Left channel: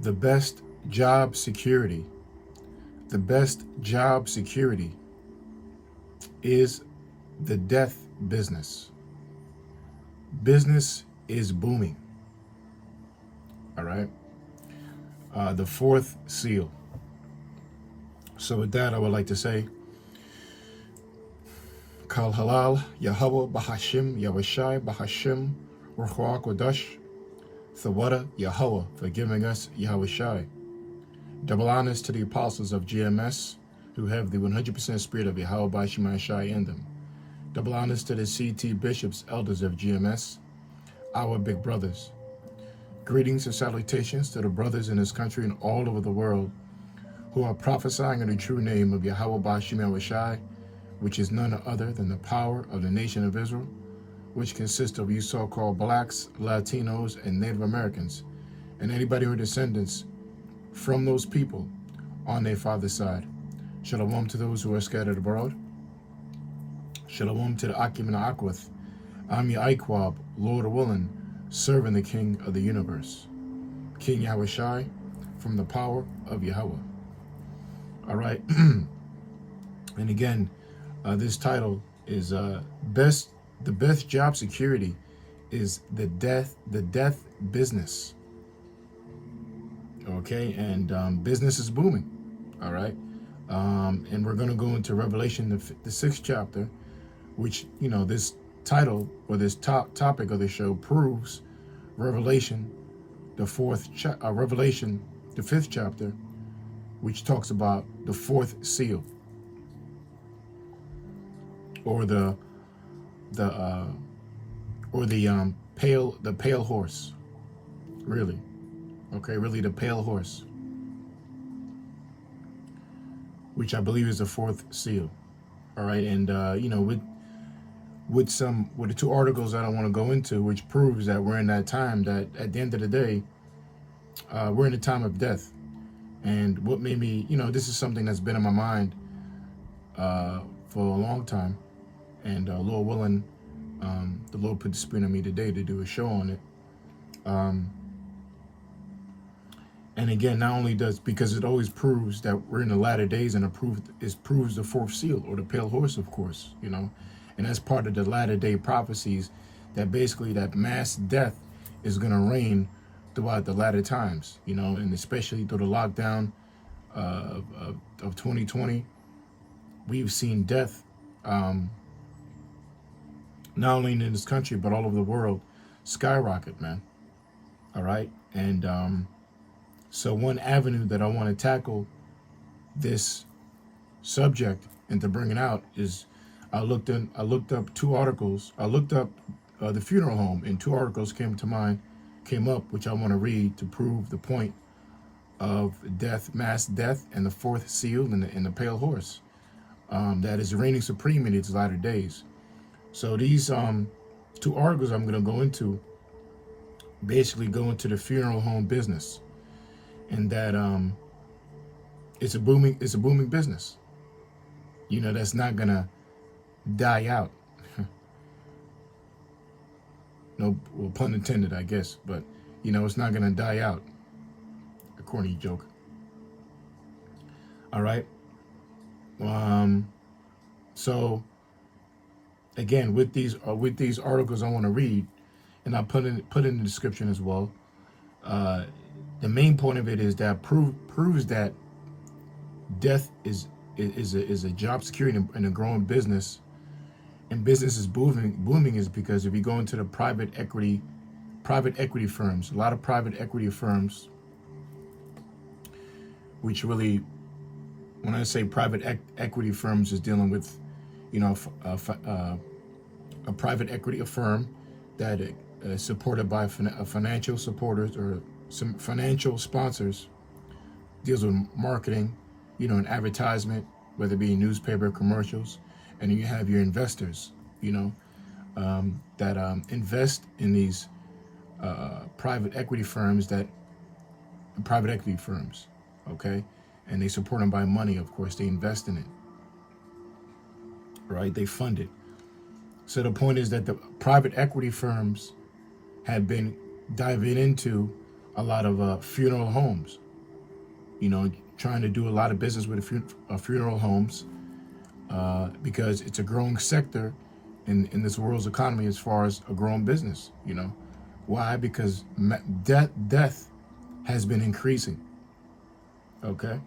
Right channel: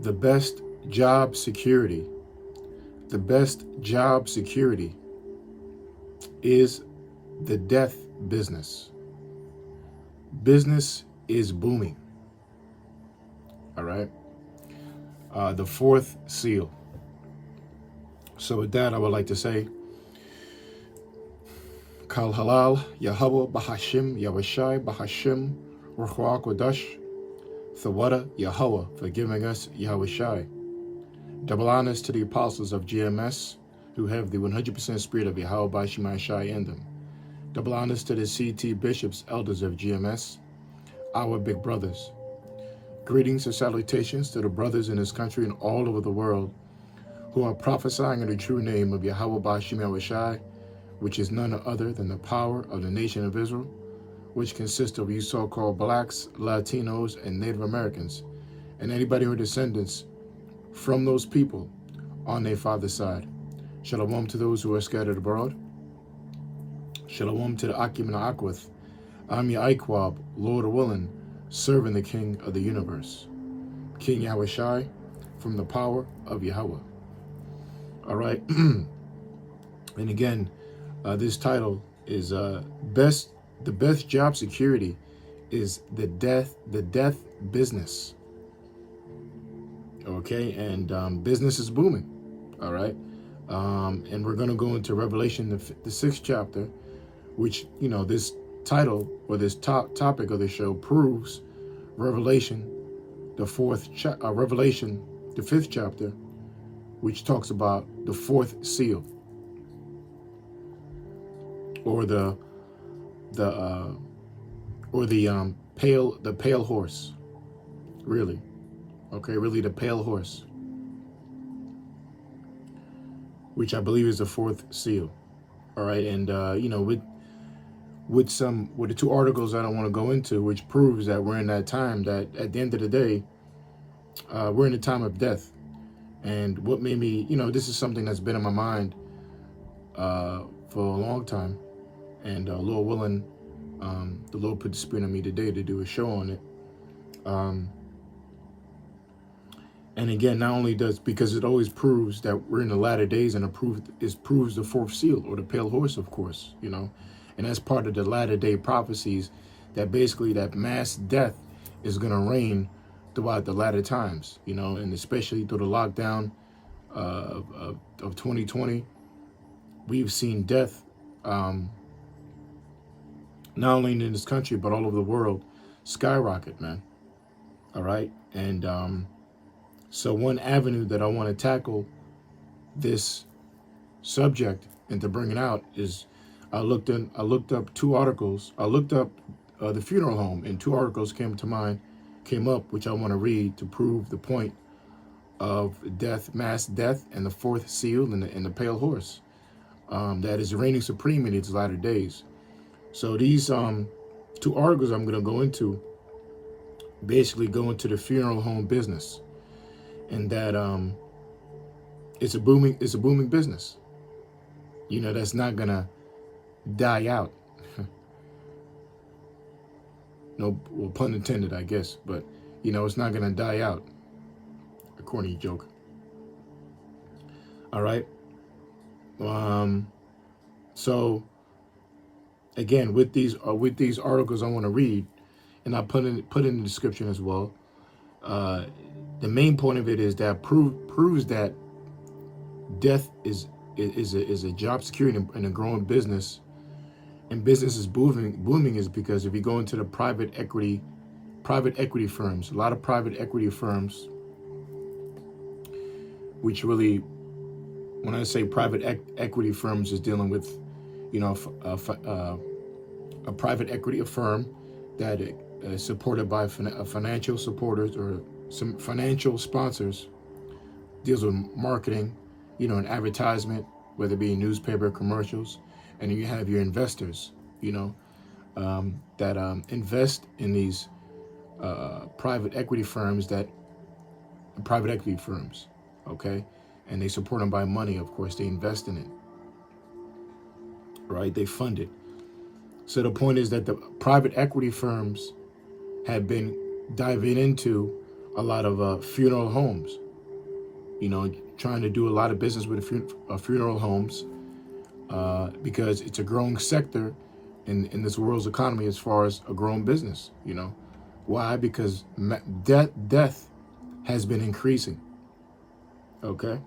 The best job security, the best job security is the death business. Business is booming. All right. The fourth seal. So with that, I would like to say, Kal Halal, Yahweh Bahashim, Yahushai Bahashim, Ruach Kodash, Thawada Yahweh for giving us Yahushai. Double honors to the apostles of GMS who have the 100% spirit of Yahweh Bahashim Shai in them. Double honors to the CT bishops, elders of GMS, our big brothers. Greetings and salutations to the brothers in this country and all over the world who are prophesying in the true name of Yahweh Bahashim Yahushai, which is none other than the power of the nation of Israel, which consists of you so-called blacks, Latinos, and Native Americans, and anybody who are descendants from those people on their father's side. Shalom to those who are scattered abroad. Shalom to the Akim and the Akwith. I'm Ya'ikwab, Lord willing, serving the King of the universe, King Yahushai, from the power of Yahweh. All right. And again, this title is the best job security is the death business. Okay, and business is booming. All right, and we're going to go into Revelation, the 6th chapter, which, you know, this title or this topic of the show proves Revelation, the 5th chapter, which talks about the 4th seal, or the pale horse, really. Okay, really the pale horse, which I believe is the 4th seal. All right, and you know, with the two articles that I want to go into, which proves that we're in that time that at the end of the day, we're in a time of death. And what made me, you know, this is something that's been in my mind for a long time. And Lord willing, the Lord put the spirit on me today to do a show on it. And again, not only because it always proves that we're in the latter days, and it proves the 4th seal, or the pale horse, of course, you know. And that's part of the latter day prophecies, that basically that mass death is going to reign throughout the latter times, you know, and especially through the lockdown of 2020, we've seen death, not only in this country, but all over the world, skyrocket, man. All right. And so one avenue that I want to tackle this subject and to bring it out is I looked up 2 articles. I looked up the funeral home, and 2 articles came up, which I want to read to prove the point of death, mass death, and the 4th seal and the pale horse that is reigning supreme in its latter days. So these 2 articles I'm going to go into basically go into the funeral home business, and that it's a booming business. You know, that's not gonna die out. No, well, pun intended, I guess, but you know, it's not gonna die out. A corny joke. All right. So again, with these articles I want to read, and I put in the description as well. The main point of it is that proves that death is a job security and a growing business, and business is booming is because if you go into the private equity firms, a lot of private equity firms, which really, when I say private equity firms, is dealing with, you know, a private equity firm that is supported by financial supporters or some financial sponsors, deals with marketing, you know, and advertisement, whether it be newspaper commercials, and then you have your investors, you know, that invest in these private equity firms, okay, and they support them by money. Of course, they invest in it, right? They fund it. So the point is that the private equity firms have been diving into a lot of funeral homes. You know, trying to do a lot of business with funeral homes because it's a growing sector in this world's economy as far as a growing business. You know, why? Because death has been increasing. Okay.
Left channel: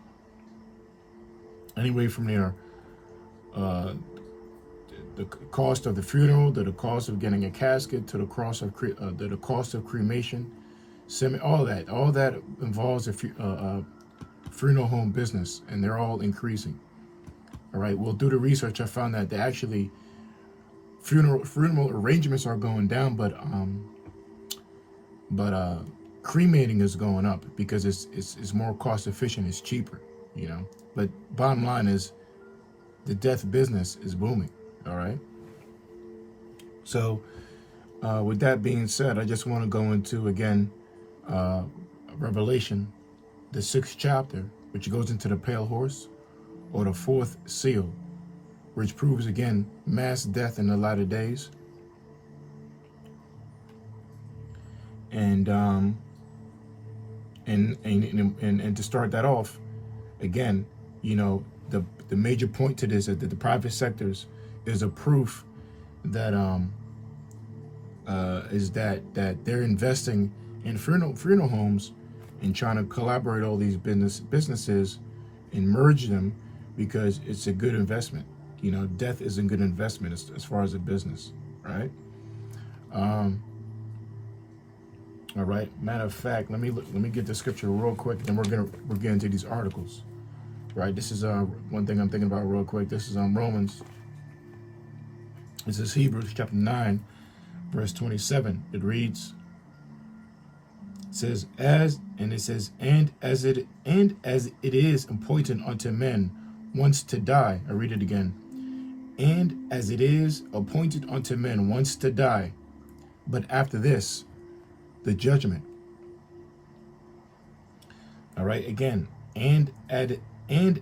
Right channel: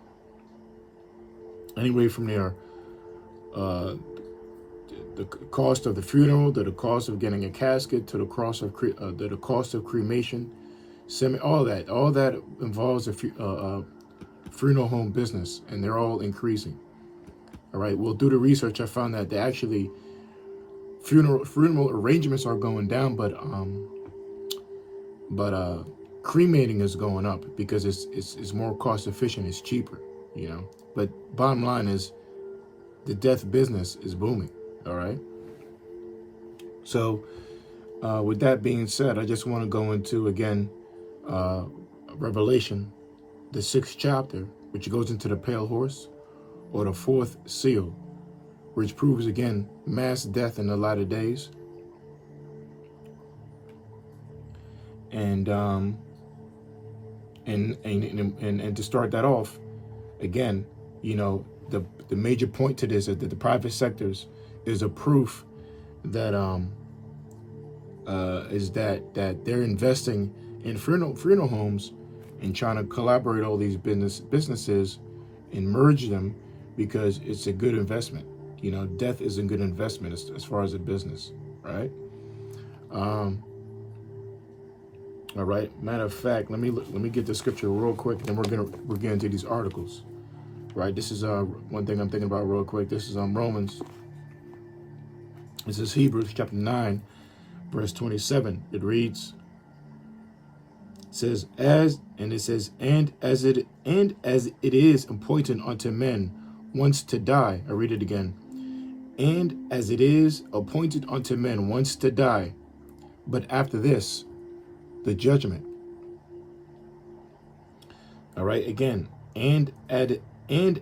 Anyway, from there, the cost of the funeral, to the cost of getting a casket, to the cost of cremation, all that involves a funeral home business, and they're all increasing. All right. Well, through the research, I found that they actually funeral arrangements are going down, but cremating is going up because it's more cost efficient, it's cheaper, you know. But bottom line is the death business is booming. All right. So with that being said, I just want to go into again Revelation, the 6th chapter, which goes into the pale horse, or the 4th seal, which proves again mass death in the latter days. And to start that off, again, you know, the major point to this is that the private sectors is a proof that that they're investing in funeral homes and trying to collaborate all these businesses and merge them because it's a good investment. You know, death is a good investment as far as a business, right? All right. Matter of fact, let me get the scripture real quick, then we're getting to these articles. Right. This is one thing I'm thinking about real quick. This is Romans. This is Hebrews chapter 9, verse 27. It reads. It says, and as it is appointed unto men once to die. I read it again. And as it is appointed unto men once to die, but after this, the judgment. All right, again, and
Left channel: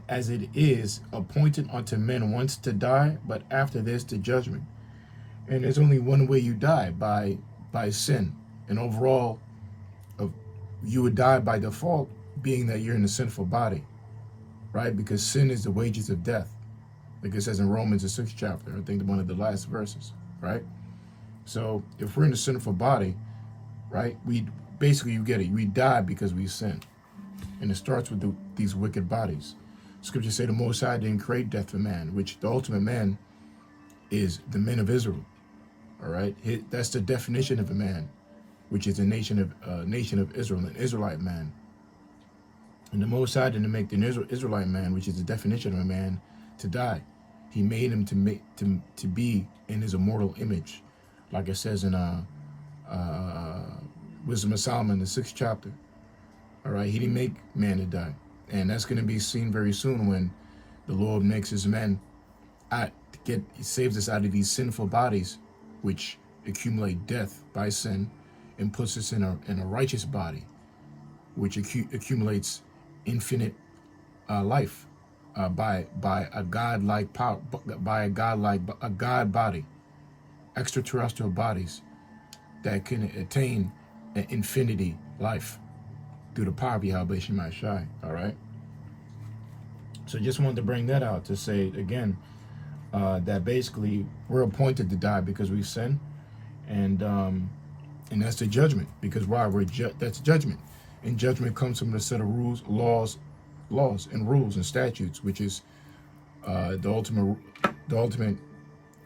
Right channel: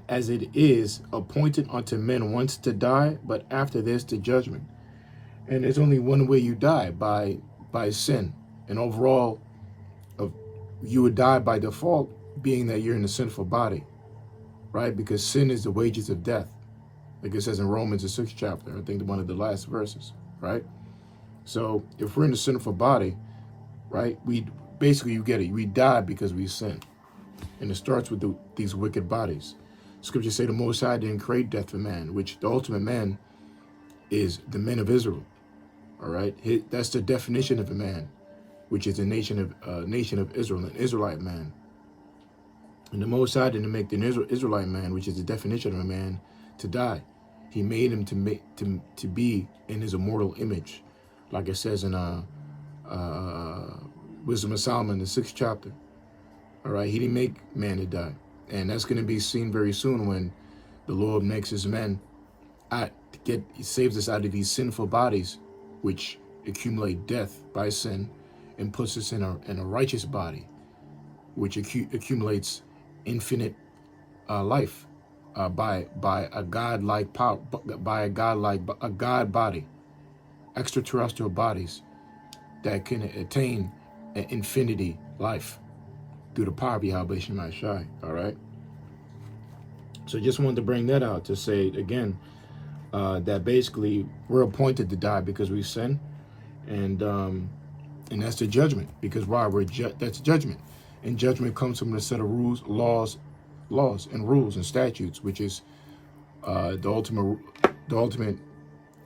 as it is appointed unto men once to die, but after this, the judgment. And there's only one way you die, by sin. And overall, you would die by default, being that you're in a sinful body, right? Because sin is the wages of death. Like it says in Romans, the 6th chapter, I think one of the last verses, right? So if we're in a sinful body, right, we basically, you get it, we die because we sin. And it starts with these wicked bodies. Scriptures say the Most High didn't create death for man, which the ultimate man is the men of Israel. All right, that's the definition of a man, which is a nation of Israel, an Israelite man. And the Most High didn't make the Israelite man, which is the definition of a man, to die. He made him to be in his immortal image, like it says in Wisdom of Solomon, the 6th chapter. All right, he didn't make man to die, and that's going to be seen very soon when the Lord makes his men he saves us out of these sinful bodies, which accumulate death by sin, and puts us in a righteous body, which accumulates infinite life by a godlike power, by a god body, extraterrestrial bodies that can attain an infinity life through the power of Yahweh Shemai. All right. So just wanted to bring that out to say again that basically we're appointed to die because we sin, and that's the judgment. Because why? That's judgment, and judgment comes from a set of rules, laws, and rules and statutes, which is the ultimate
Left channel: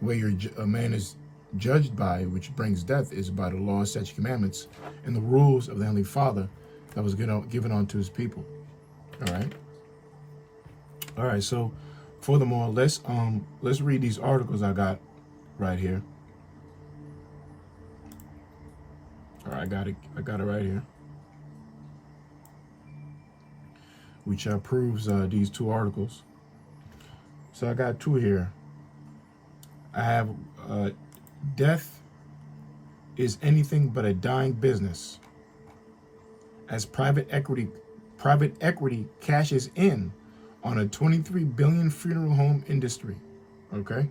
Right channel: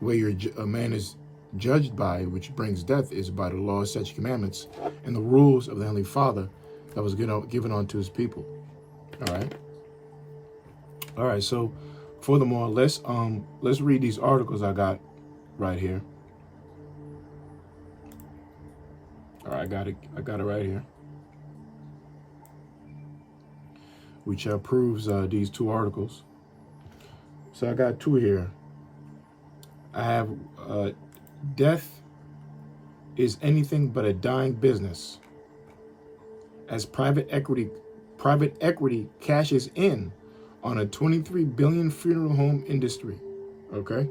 way a man is judged by, which brings death, is by the law, statutes, commandments, and the rules of the Heavenly Father that was given unto his people. All right. So furthermore, let's read these articles I got right here. All right, I got it right here, which proves these two articles. So I got two here. I have death is anything but a dying business, as private equity cashes in on a $23 billion funeral home industry. Okay,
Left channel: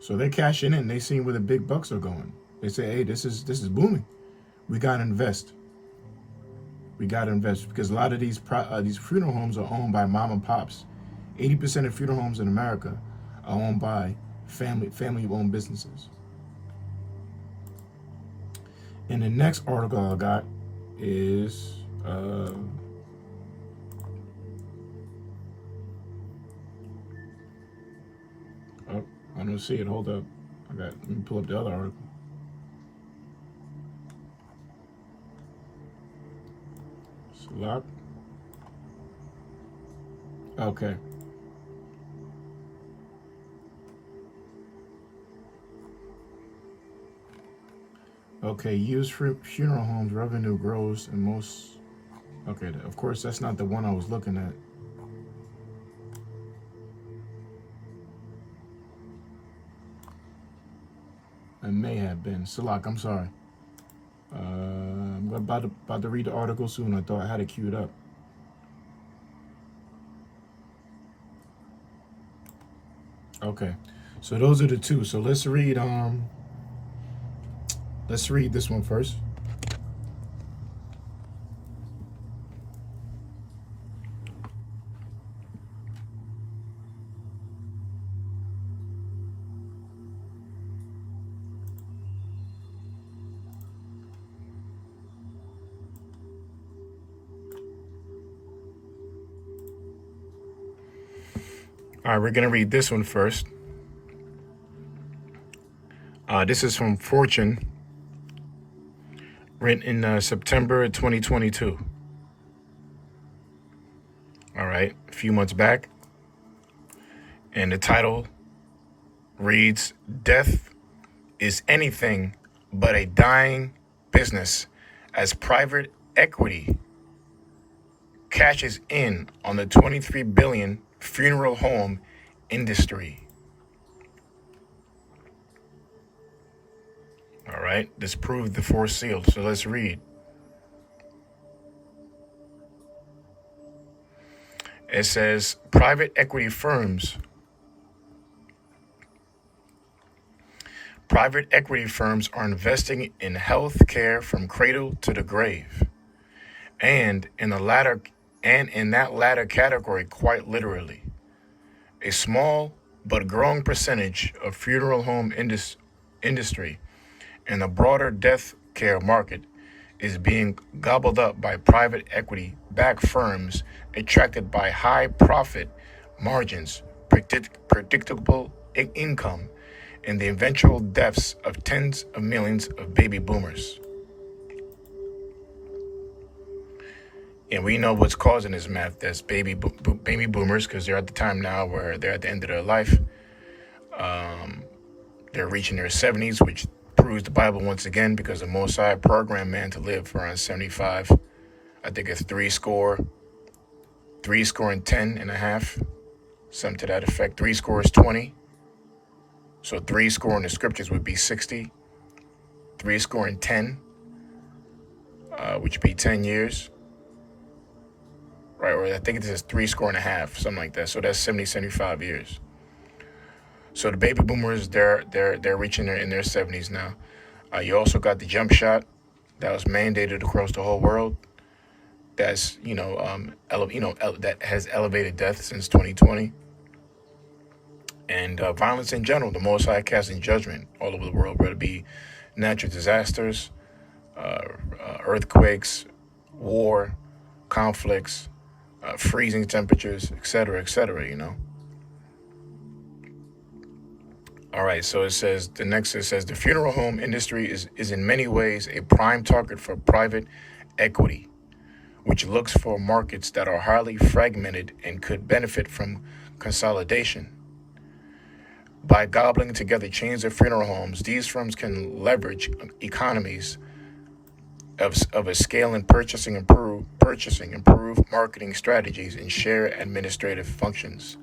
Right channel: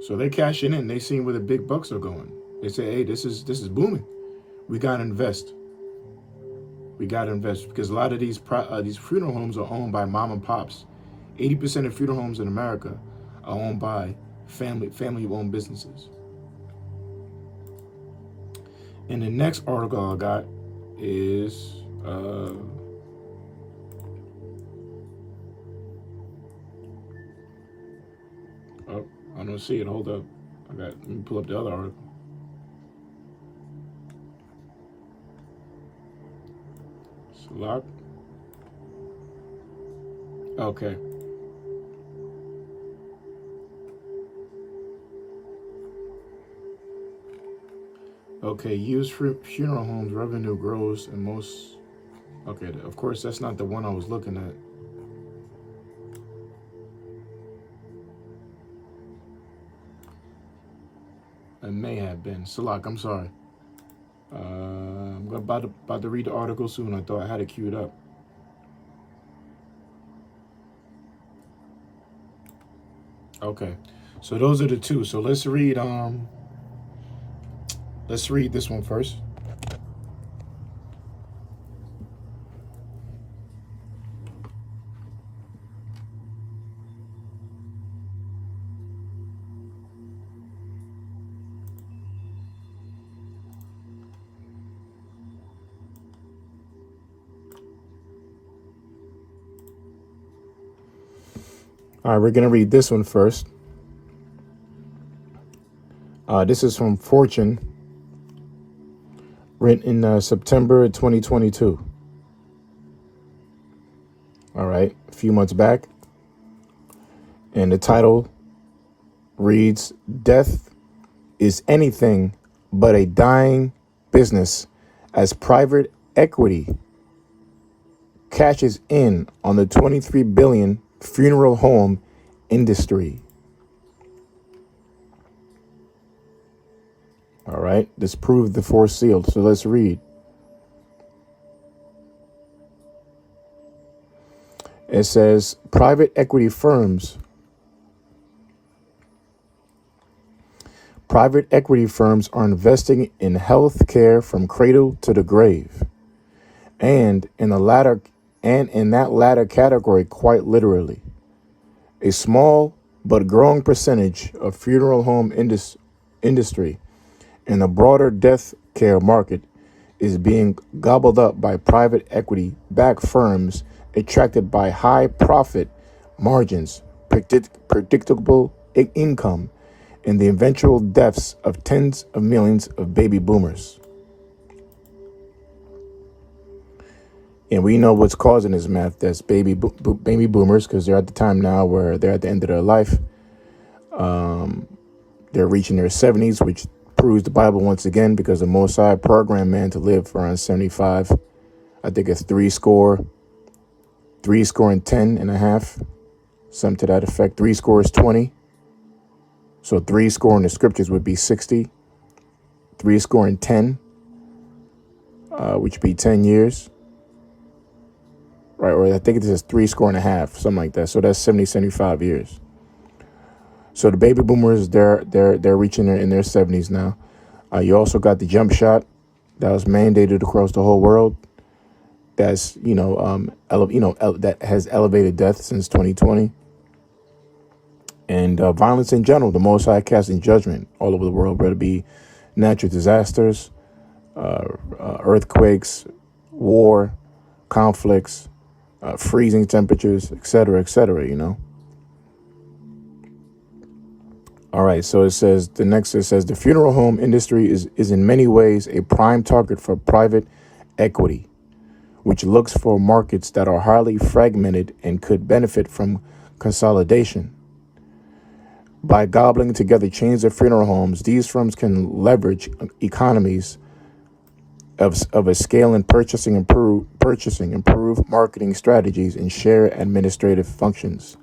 so they're cashing in. They seeing where the big bucks are going. They say, hey, this is booming. We gotta invest. We got to invest because a lot of these funeral homes are owned by mom and pops. 80% of funeral homes in America are owned by family-owned businesses. And the next article I got is oh, I don't see it. Hold up. Let me pull up the other article. Select. Okay. Okay, used funeral homes revenue grows in most. Okay, of course that's not the one I was looking at. It may have been. Salak, I'm sorry. I'm about to read the article soon. I thought I had it queued up. Okay, so those are the two. So let's read this one first. All right, we're going to read this one first. This is from Fortune, written in September 2022. All right, a few months back. And the title reads, "Death is anything but a dying business as private equity cashes in on the $23 billion funeral home industry." All right, this proved the fourth seal. So let's read. It says, private equity firms are investing in health care from cradle to the grave. And in that latter category, quite literally, a small but growing percentage of funeral home industry and the broader death care market is being gobbled up by private equity-backed firms attracted by high profit margins, predictable income, and the eventual deaths of tens of millions of baby boomers. And we know what's causing this math. That's baby boomers, because they're at the time now where they're at the end of their life. They're reaching their 70s, which proves the Bible once again, because the Most High programmed man to live for around 75. I think it's 70 and 10 and a half, something to that effect. 70 So 70 in the scriptures would be 60. 10, which would be 10 years. Right, or I think it says 70 and a half, something like that. So that's 75 years. So the baby boomers, they're reaching in their 70s now. You also got the jump shot that was mandated across the whole world. That's that has elevated death since 2020. And violence in general, the Most High casting judgment all over the world, whether it be natural disasters, earthquakes, war, conflicts, freezing temperatures, et cetera, you know. All right, so it says, the funeral home industry is in many ways a prime target for private equity, which looks for markets that are highly fragmented and could benefit from consolidation. By gobbling together chains of funeral homes, these firms can leverage economies of a scale in purchasing, improve marketing strategies, and share administrative functions.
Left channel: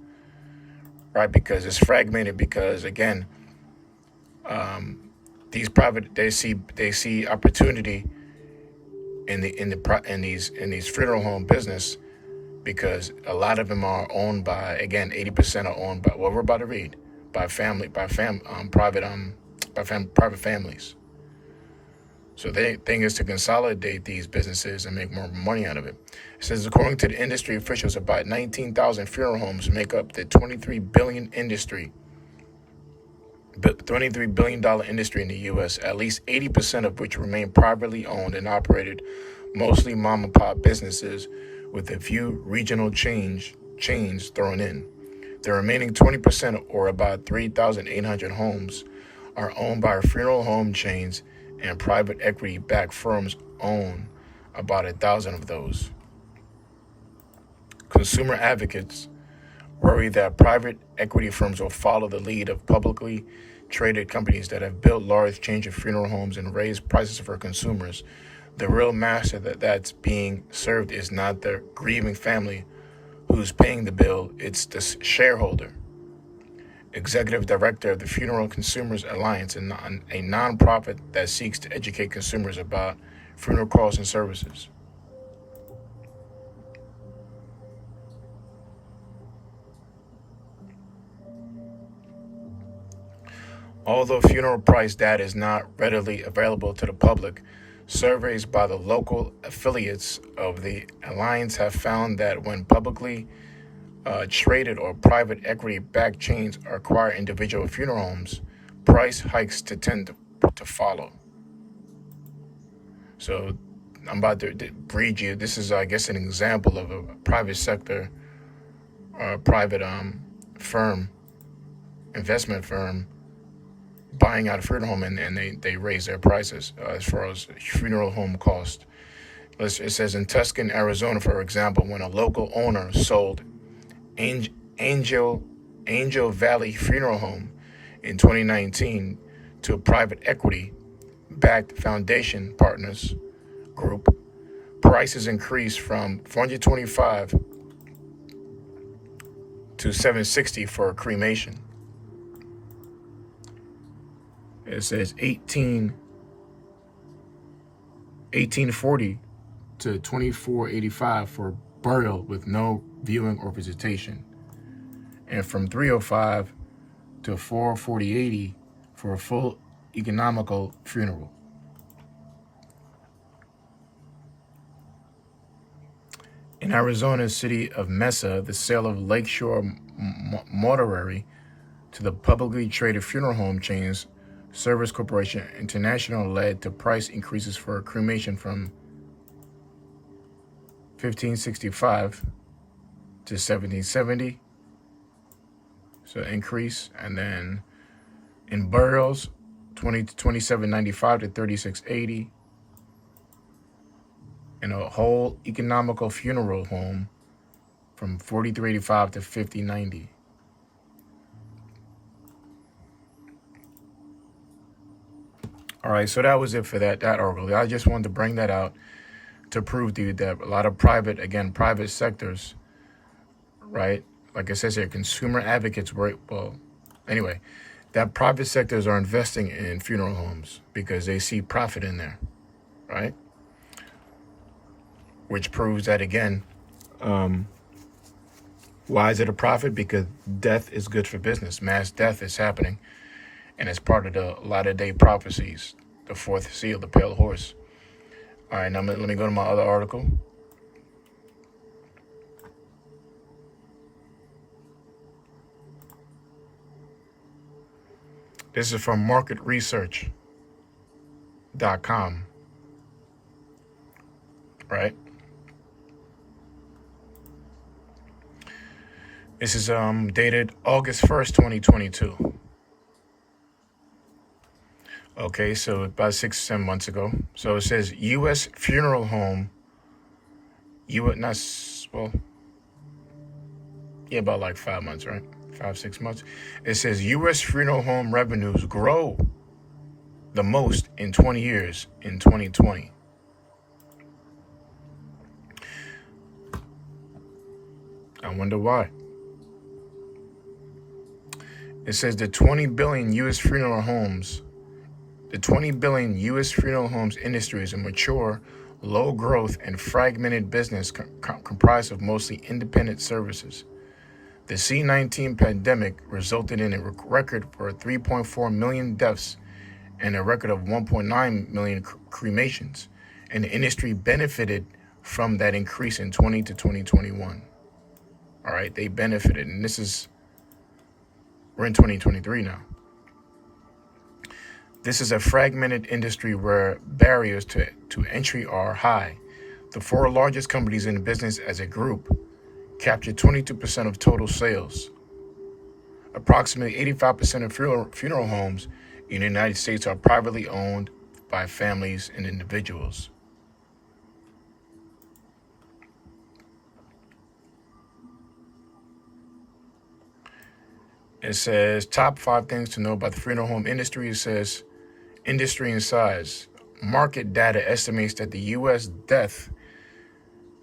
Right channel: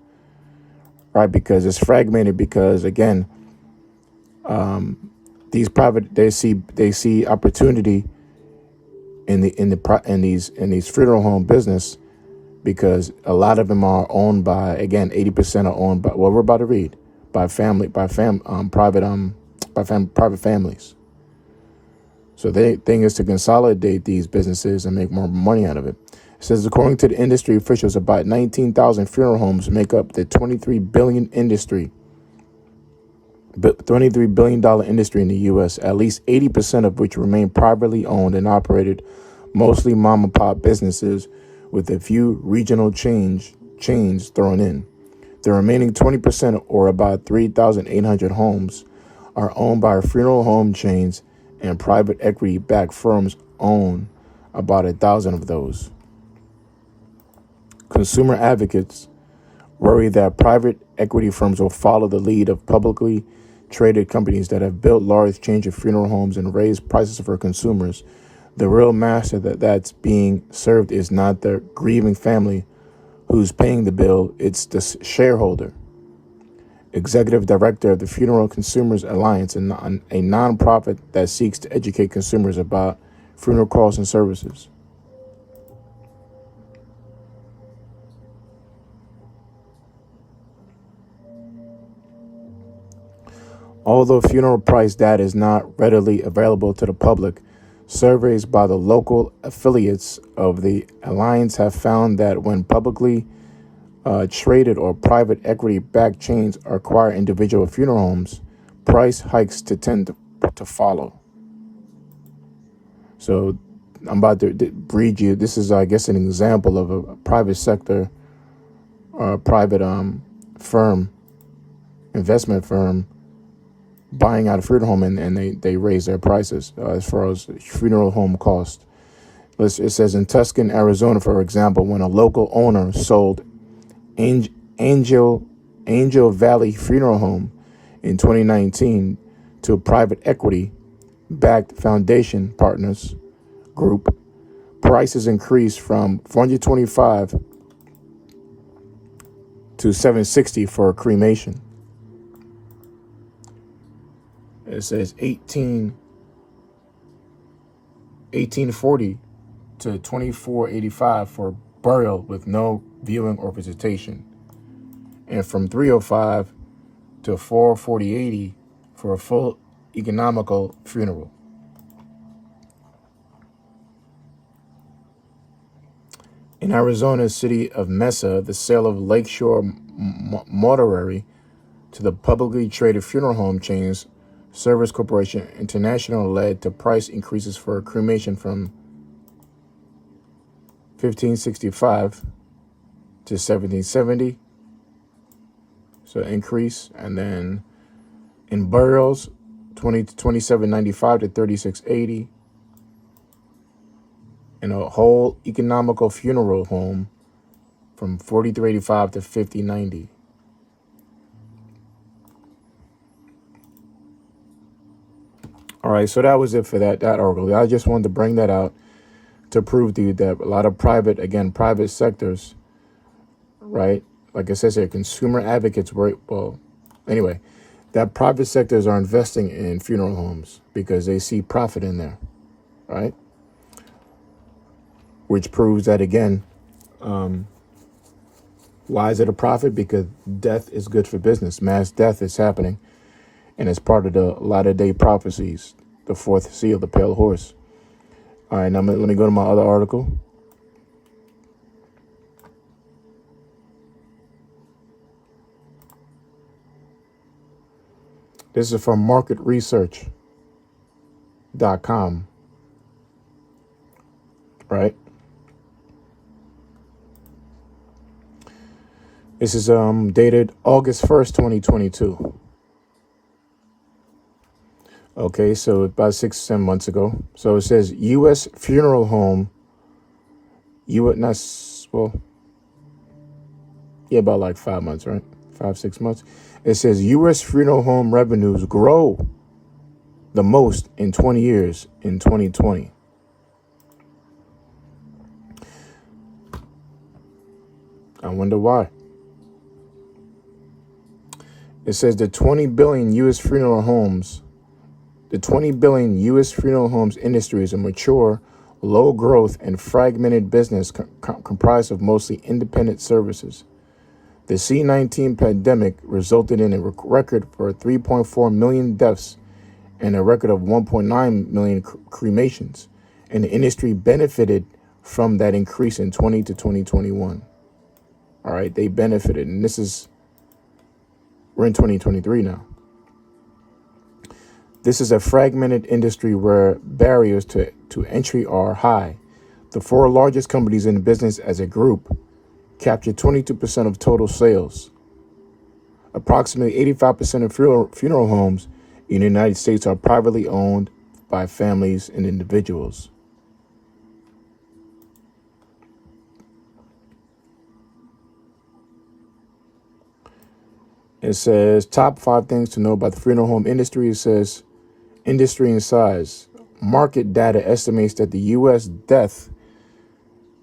Right, because it's fragmented. Because again, these private they see opportunity in these funeral home business, because a lot of them are owned by, again, 80% are owned by, what we're about to read, by private families. So the thing is to consolidate these businesses and make more money out of it. It says, according to the industry officials, about 19,000 funeral homes make up the $23 billion industry. $23 billion industry in the U.S., at least 80% of which remain privately owned and operated, mostly mom and pop businesses with a few regional chains thrown in. The remaining 20%, or about 3,800 homes, are owned by funeral home chains, and private equity-backed firms own about 1,000 of those. Consumer advocates worry that private equity firms will follow the lead of publicly traded companies that have built large chains of funeral homes and raised prices for consumers. The real master that's being served is not the grieving family who's paying the bill, it's the shareholder. Executive Director of the Funeral Consumers Alliance, a nonprofit that seeks to educate consumers about funeral costs and services. Although funeral price data is not readily available to the public, surveys by the local affiliates of the Alliance have found that when publicly traded or private equity-backed chains acquire individual funeral homes, price hikes tend to follow. So I'm about to read you. This is, I guess, an example of a private sector, private firm, investment firm, buying out a funeral home, and they raise their prices as far as funeral home cost. It says in Tucson, Arizona, for example, when a local owner sold Angel Valley Funeral Home in 2019 to a private equity-backed foundation partners group, prices increased from $425 to $760 for a cremation. It says $1840 to $2485 for burial with no viewing or visitation, and from $305 to $440.80 for a full economical funeral. In Arizona's city of Mesa, the sale of Lakeshore Mortuary to the publicly traded funeral home chains Service Corporation International led to price increases for cremation from $1,565 to $1,770, so increase. And then in burials, $27.95 to $36.80, and a whole economical funeral home from $43.85 to $50.90. All right, so that was it for that article. I just wanted to bring that out to prove to you that a lot of private sectors, right? Like it says here, consumer advocates that private sectors are investing in funeral homes because they see profit in there, right? Which proves that, again, why is it a profit? Because death is good for business. Mass death is happening. And it's part of the latter-day prophecies, the fourth seal, the pale horse. All right, now let me go to my other article. This is from marketresearch.com, right? This is dated August 1st, 2022. Okay, so about 6-7 months ago. So it says U.S. funeral home, about like 5 months, right? 5-6 months. It says U.S. funeral home revenues grow the most in 20 years in 2020. I wonder why. It says the 20 billion U.S. funeral homes industry is a mature, low growth, and fragmented business comprised of mostly independent services. The C-19 pandemic resulted in a record for 3.4 million deaths and a record of 1.9 million cremations. And the industry benefited from that increase in 20 to 2021. All right, they benefited. And we're in 2023 now. This is a fragmented industry where barriers to entry are high. The four largest companies in the business as a group capture 22% of total sales. Approximately 85% of funeral homes in the United States are privately owned by families and individuals. It says top 5 things to know about the funeral home industry. It says industry and size. Market data estimates that the U.S. death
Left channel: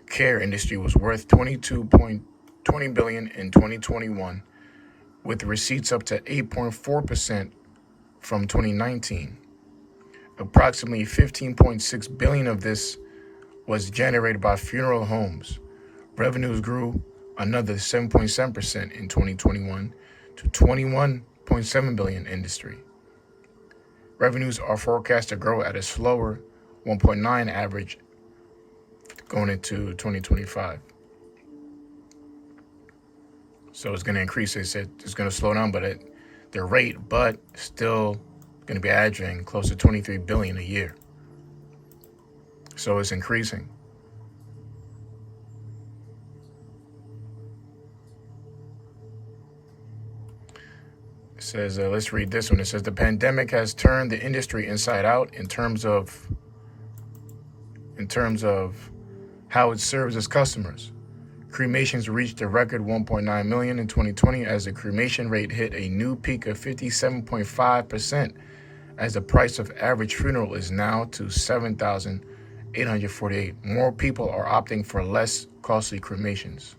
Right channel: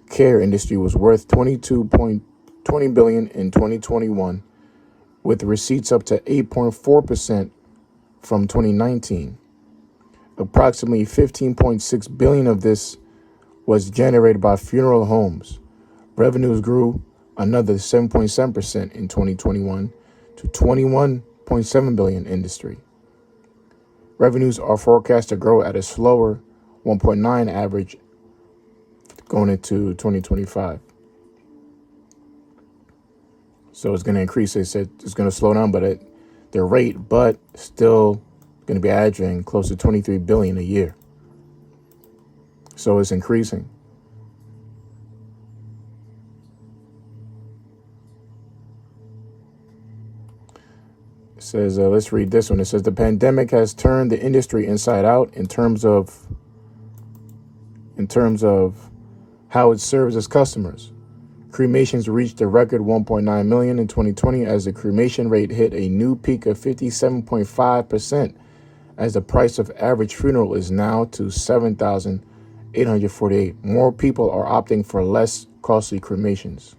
care industry was worth $22.20 billion in 2021, with receipts up to 8.4% from 2019. Approximately $15.6 billion of this was generated by funeral homes. Revenues grew another 7.7% in 2021 to $21.7 billion industry. Revenues are forecast to grow at a slower 1.9 average going into 2025. So it's going to increase. They said it's going to slow down, but at their rate, but still going to be averaging close to 23 billion a year. So it's increasing. It says, let's read this one. It says the pandemic has turned the industry inside out in terms of how it serves its customers. Cremations reached a record 1.9 million in 2020 as the cremation rate hit a new peak of 57.5%, as the price of average funeral is now to $7,848. More people are opting for less costly cremations.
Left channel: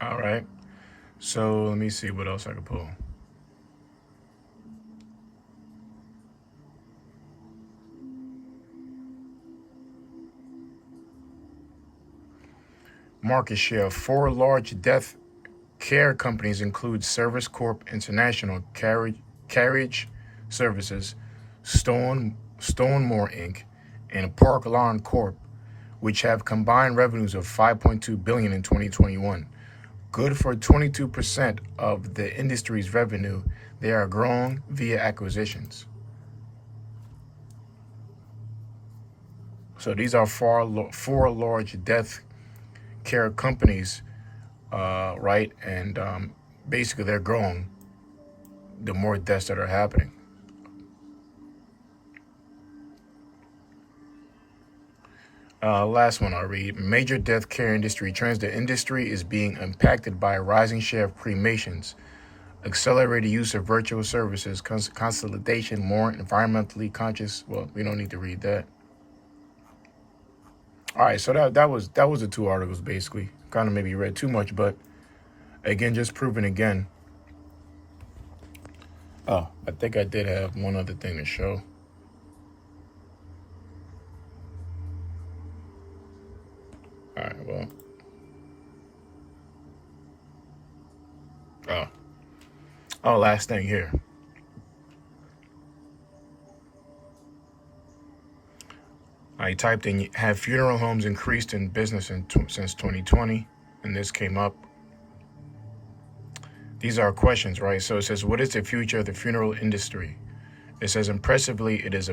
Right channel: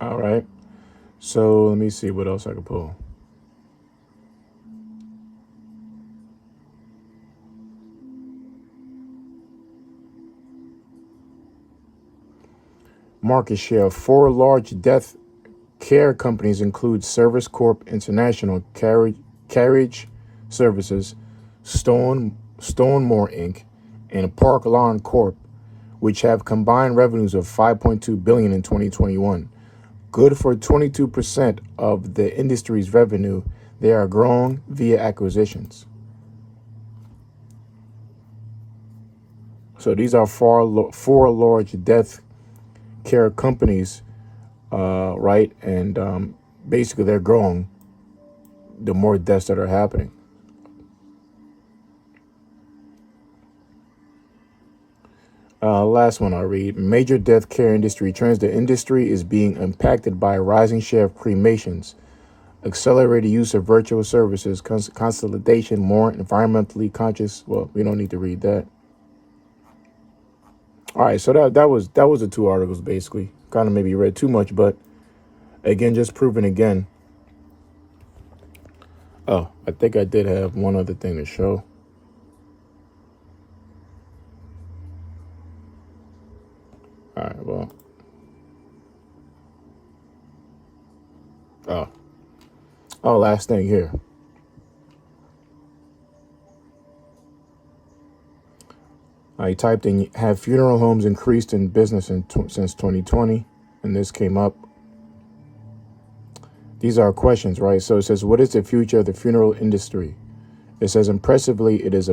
All right. So let me see what else I can pull. Market share. 4 large death care companies include Service Corp International, Carriage Services, Stonemore Inc., and Park Lawn Corp., which have combined revenues of $5.2 billion in 2021. Good for 22% of the industry's revenue. They are growing via acquisitions. So these are 4 large death care companies, right? And basically they're growing the more deaths that are happening. Last one I'll read. Major death care industry trends. The industry is being impacted by a rising share of cremations, accelerated use of virtual services, consolidation, more environmentally conscious. Well, we don't need to read that. All right, so that was the 2 articles basically. Kind of maybe read too much, but again, just proving again. Oh, I think I did have one other thing to show. All right, well. Last thing here. I typed in, have funeral homes increased in business since 2020? And this came up. These are questions, right? So it says, what is the future of the funeral industry? It says, impressively, it is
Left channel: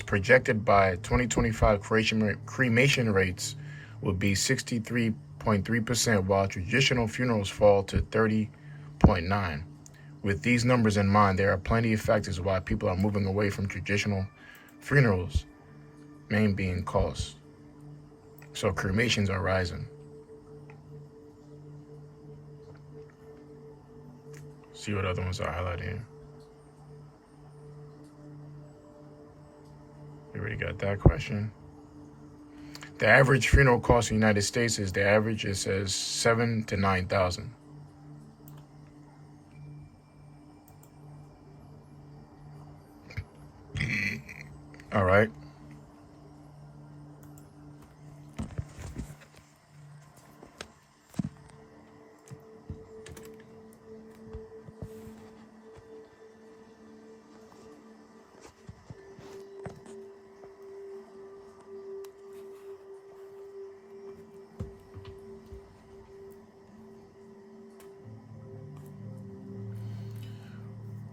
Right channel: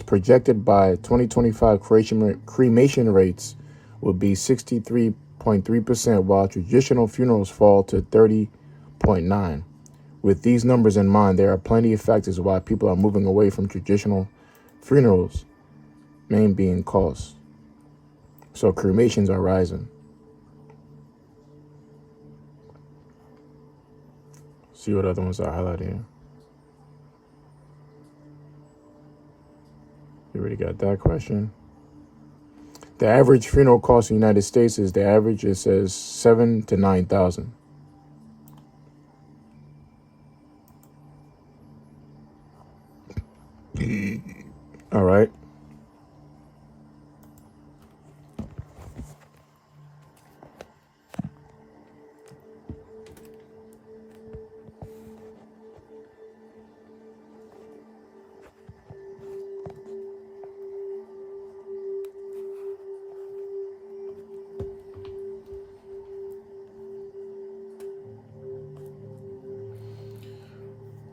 projected by 2025 cremation rates will be 63.3%, while traditional funerals fall to 30.9%. With these numbers in mind, there are plenty of factors why people are moving away from traditional funerals, main being cost. So cremations are rising. See what other ones I highlighted here. We already got that question. The average funeral cost in the United States is the average, it says $7,000 to $9,000. All right.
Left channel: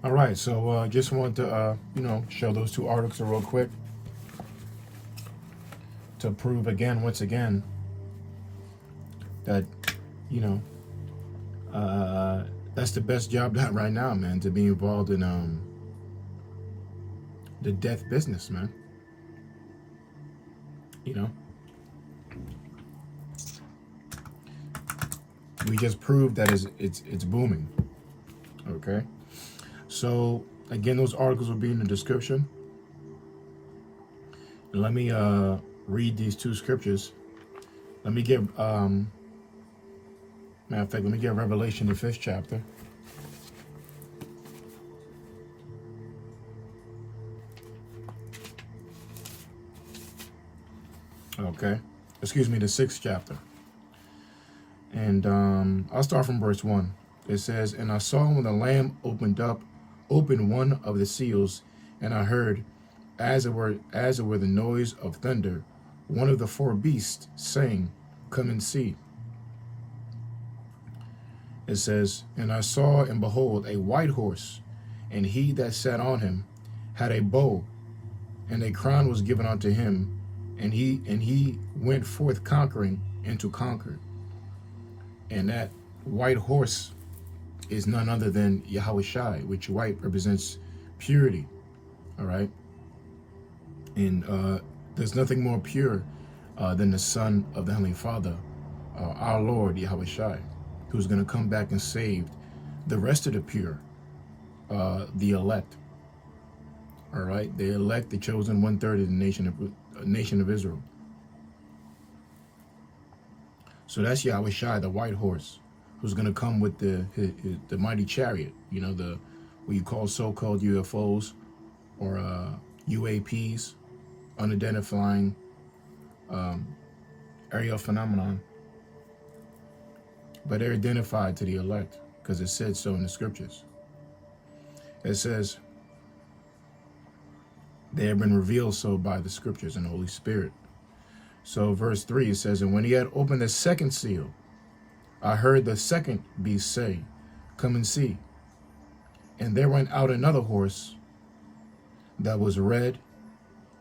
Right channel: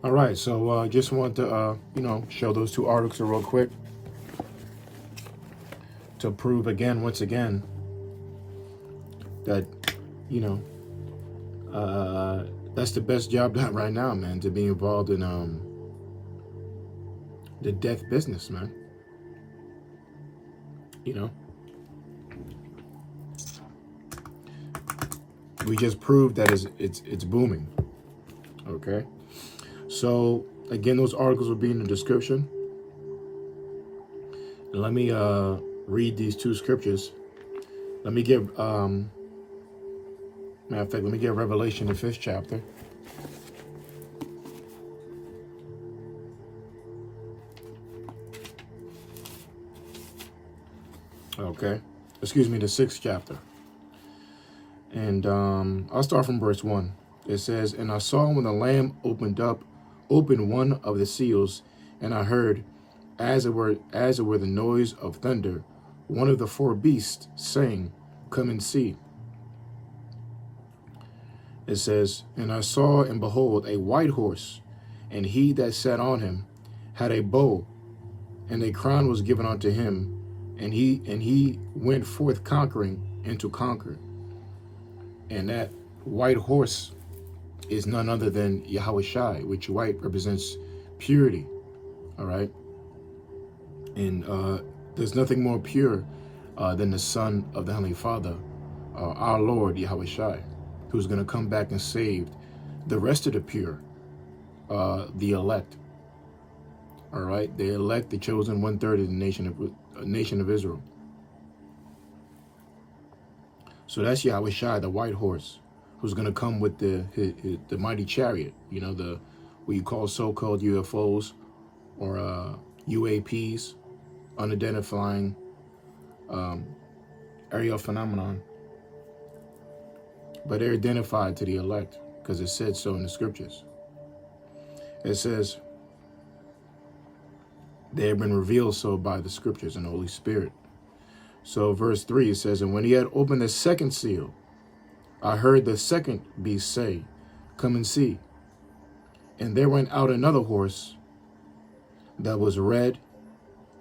All right, so just want to, show those two articles real quick to prove again, once again, that, you know, that's the best job done right now, man, to be involved in the death business, man. You know, we just proved that it's booming. Okay, so again, those articles will be in the description. And let me read these two scriptures. Let me give matter of fact, let me get Revelation, the 5th chapter. Okay, excuse me, the 6th chapter. And I'll start from verse 1. It says, "And I saw when the Lamb opened one of the seals, and I heard, as it were the noise of thunder, one of the 4 beasts saying, 'Come and see.'" It says, "And I saw, and behold, a white horse, and he that sat on him had a bow, and a crown was given unto him, and he went forth conquering and to conquer." And that white horse is none other than Yahushai, which white represents purity. All right. And there's nothing more pure than the Son of the Heavenly Father, our Lord Yahushai, who's going to come back and save the rest of the pure, the elect. All right. The elect, the chosen 1/3 of the nation of Israel. So that's Yahushai, the white horse, who's going to come with the mighty chariot, what you call so-called UFOs or UAPs, unidentified aerial phenomenon. But they're identified to the elect because it said so in the scriptures. It says they have been revealed so by the scriptures and the Holy Spirit. So verse 3, it says, "And when he had opened the 2nd seal, I heard the 2nd beast say, 'Come and see.' And there went out another horse that was red,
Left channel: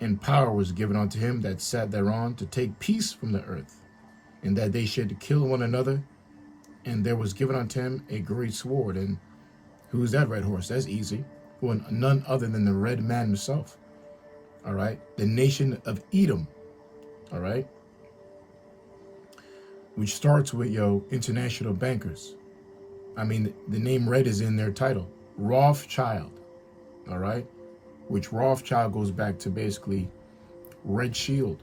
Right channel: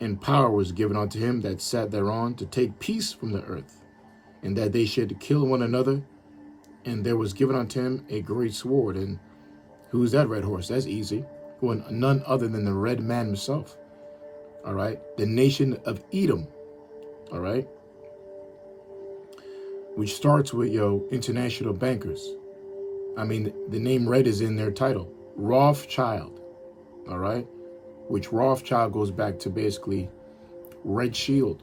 and power was given unto him that sat thereon to take peace from the earth, and that they should kill one another. And there was given unto him a great sword." And who's that red horse? That's easy. Well, none other than the red man himself. All right. The nation of Edom. All right. Which starts with international bankers. I mean, the name red is in their title. Rothschild. All right. Which Rothschild goes back to basically red shield.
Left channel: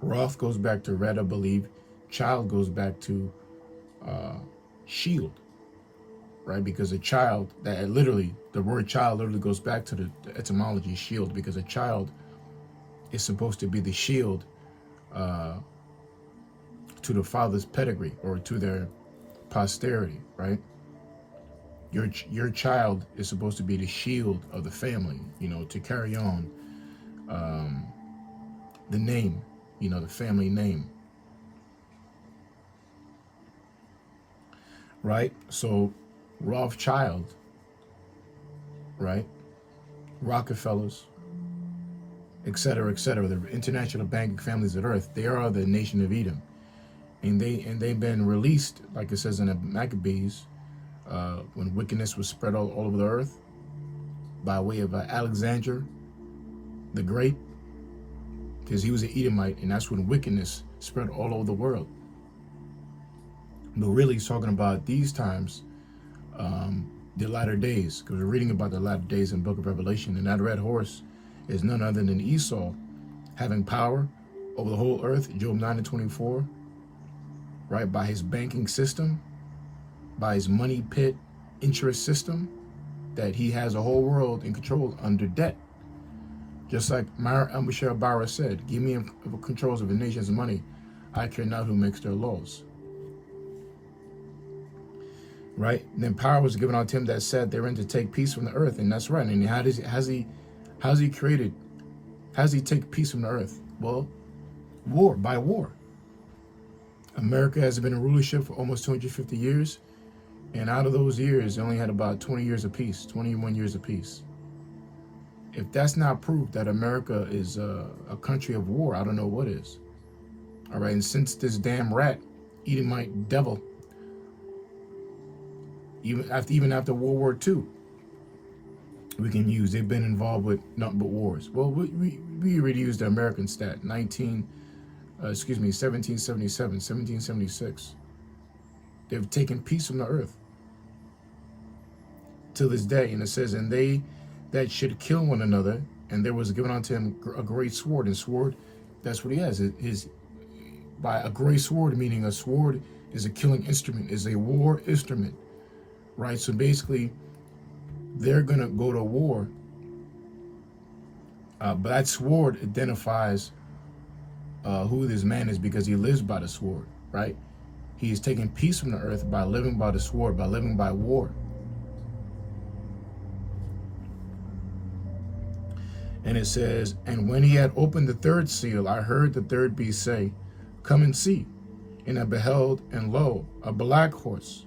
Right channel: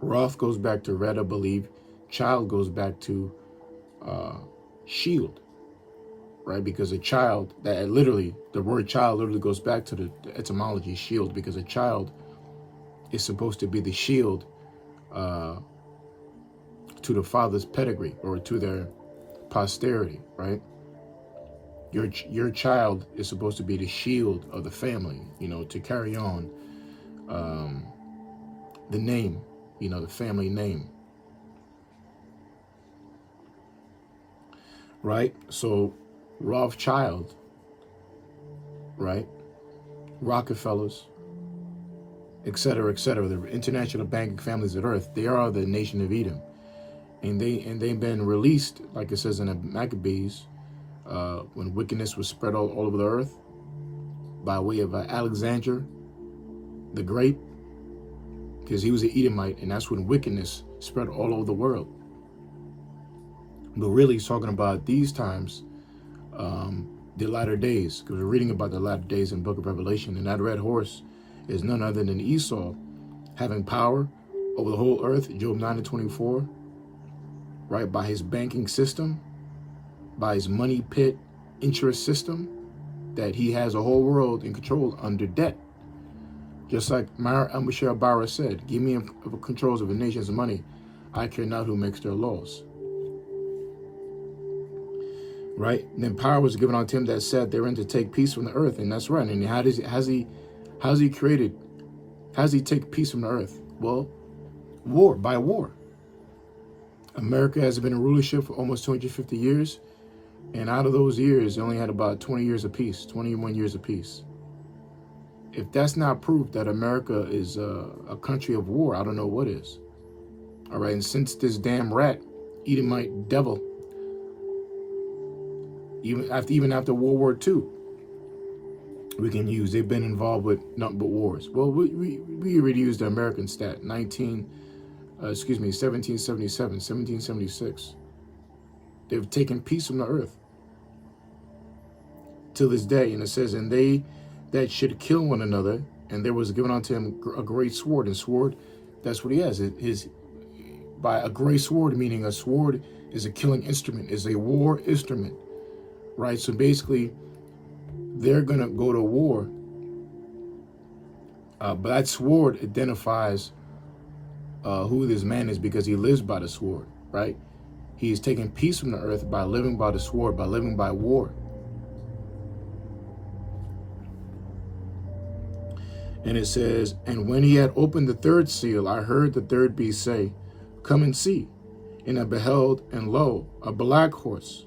Roth goes back to red, I believe. Child goes back to shield. Right? Because a child, the word child literally goes back to the etymology shield, because a child is supposed to be the shield to the father's pedigree or to their posterity, right? Your child is supposed to be the shield of the family, to carry on the name, the family name. Right? So Rothschild, right? Rockefellers, etc., the international banking families of earth, they are the nation of Edom. And they've been released, like it says in the Maccabees, when wickedness was spread all over the earth by way of Alexander the Great, because he was an Edomite, and that's when wickedness spread all over the world. But really, he's talking about these times, the latter days, because we're reading about the latter days in the book of Revelation, and that red horse is none other than Esau, having power over the whole earth, Job 9:24, right, by his banking system, by his money pit interest system, that he has a whole world in control under debt. Just like Myra al-Bashir Barra said, "Give me controls of a nation's money. I care not who makes their laws." Right? And then power was given unto him that sat therein to take peace from the earth. And that's right. And how's he take peace from the earth? Well, by war. America has been in rulership for almost 250 years. And out of those years, they only had about 20 years apiece, 21 years apiece. If that's not proof that America is a country of war, I don't know what is. All right, and since this damn rat, Edomite devil, even after World War II, we can use, they've been involved with nothing but wars. Well, we already used the American stat, 1777, 1776. They've taken peace from the earth to this day. And it says, and they that should kill one another, and there was given unto him a great sword. And sword, that's what he has. By a great sword, meaning a sword is a killing instrument, is a war instrument, right? So basically, they're going to go to war. But that sword identifies who this man is, because he lives by the sword, right? He is taking peace from the earth by living by the sword, by living by war. And it says, and when he had opened the third seal, I heard the third beast say, come and see. And I beheld, and lo, a black horse.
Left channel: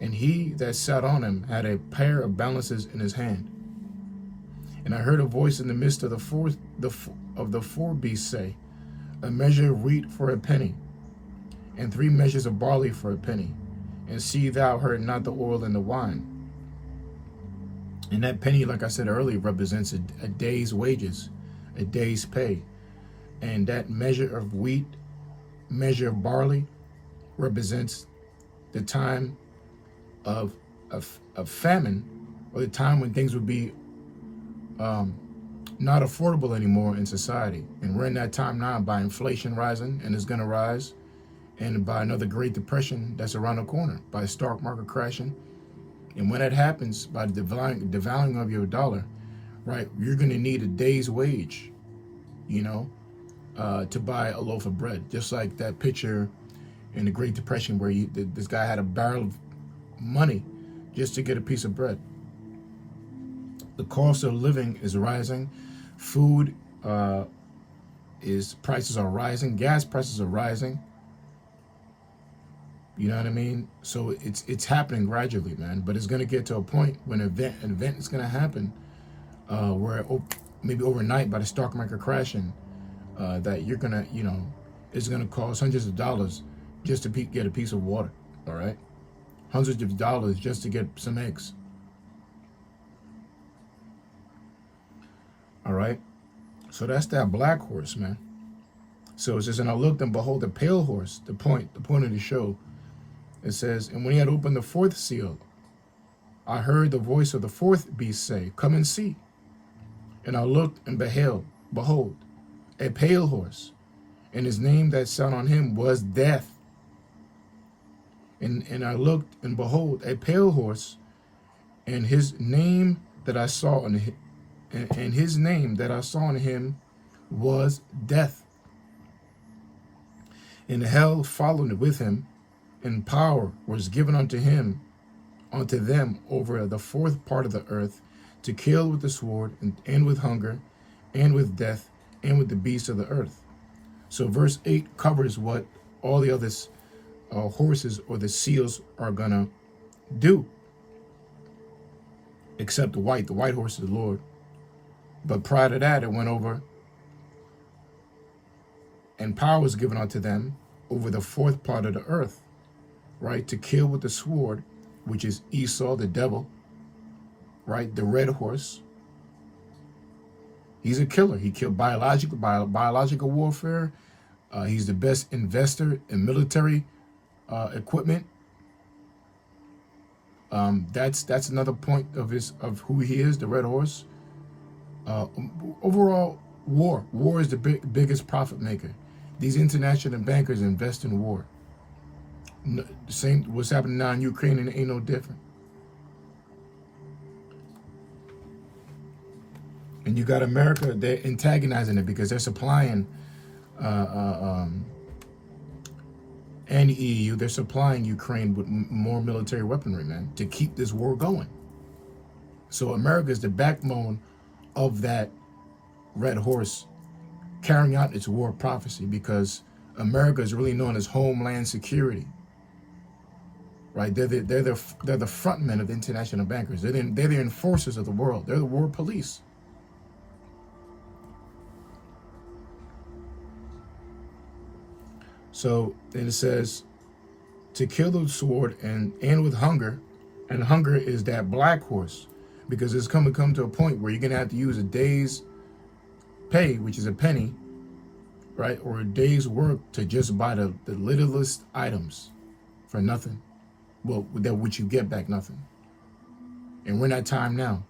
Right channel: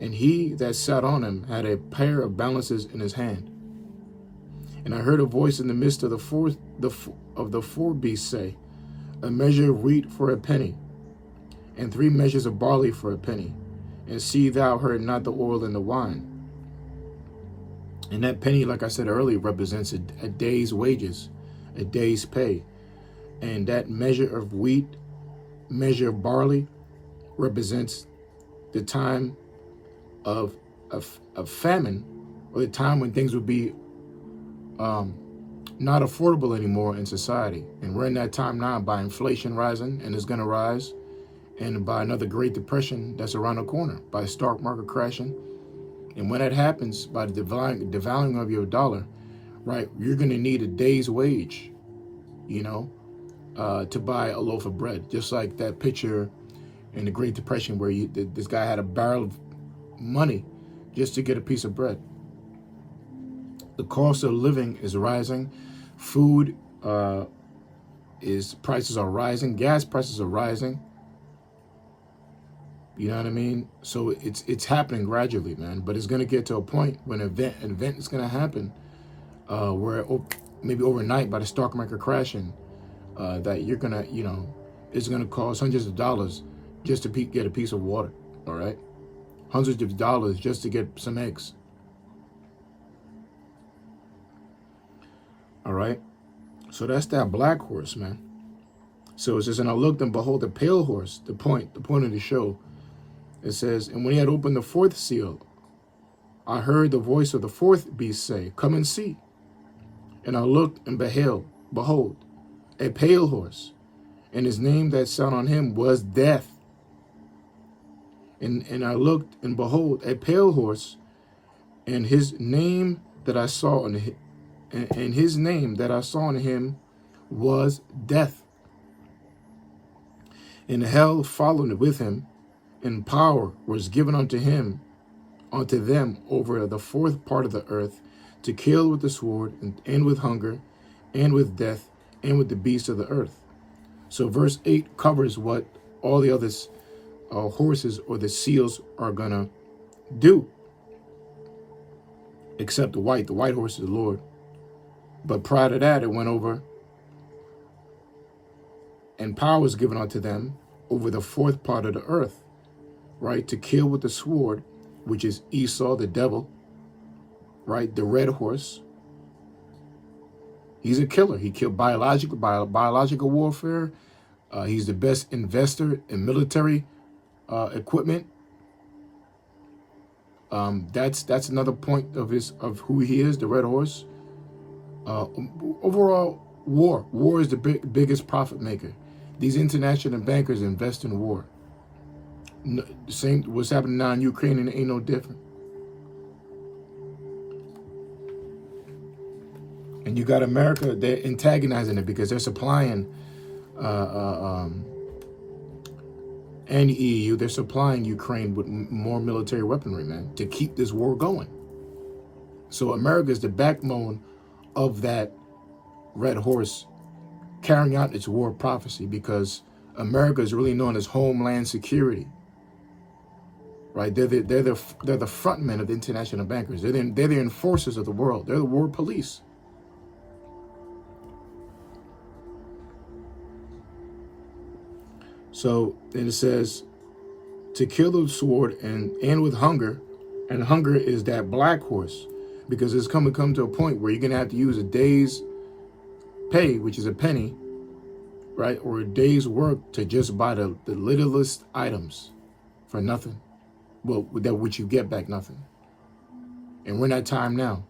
And he that sat on him had a pair of balances in his hand. And I heard a voice in the midst of the four beasts say, a measure of wheat for a penny, and 3 measures of barley for a penny. And see thou hurt not the oil and the wine. And that penny, like I said earlier, represents a day's wages, a day's pay. And that measure of wheat, measure of barley, represents the time of famine, or the time when things would be not affordable anymore in society. And we're in that time now, by inflation rising, and it's going to rise, and by another Great Depression that's around the corner, by stock market crashing. And when that happens, by the devaluing of your dollar, right, you're going to need a day's wage, to buy a loaf of bread. Just like that picture in the Great Depression where this guy had a barrel of money just to get a piece of bread. The cost of living is rising. Food prices are rising. Gas prices are rising. You know what I mean? So it's happening gradually, man. But it's going to get to a point when an event is going to happen where maybe overnight, by the stock market crashing, that you're going to, it's going to cost hundreds of dollars just to get a piece of water, all right? Hundreds of dollars just to get some eggs. All right? So that's that black horse, man. So it says, and I looked, and behold, a pale horse, the point of the show. It says, and when he had opened the fourth seal, I heard the voice of the fourth beast say, come and see. And I looked, and behold, a pale horse, and his name that sat on him was Death. And I looked, and behold, a pale horse, and his name that I saw on him, and his name that I saw on him was Death. And hell followed with him, and power was given unto them over the fourth part of the earth, to kill with the sword, and with hunger, and with death, and with the beasts of the earth. So verse 8 covers what all the other horses or the seals are gonna do, except the white horse is the Lord. But prior to that, it went over, and power was given unto them over the fourth part of the earth, right, to kill with the sword, which is Esau, the devil, right, the red horse. He's a killer. He killed biological warfare. He's the best investor in military equipment. That's another point of who he is, the red horse. Overall, war is the biggest profit maker. These international bankers invest in war. Same what's happening now in Ukraine, and it ain't no different. And you got America, they're antagonizing it because they're supplying, and EU, they're supplying Ukraine with more military weaponry, man, to keep this war going. So America is the backbone of that red horse carrying out its war prophecy, because America is really known as Homeland Security. right? They're the front men of the international bankers. They're the enforcers of the world. They're the world police. So then it says, to kill the sword and end with hunger, and hunger is that black horse, because it's come to a point where you're gonna have to use a day's pay, which is a penny, right, or a day's work to just buy the littlest items for nothing. Well, that which you get back nothing. And we're in that time now.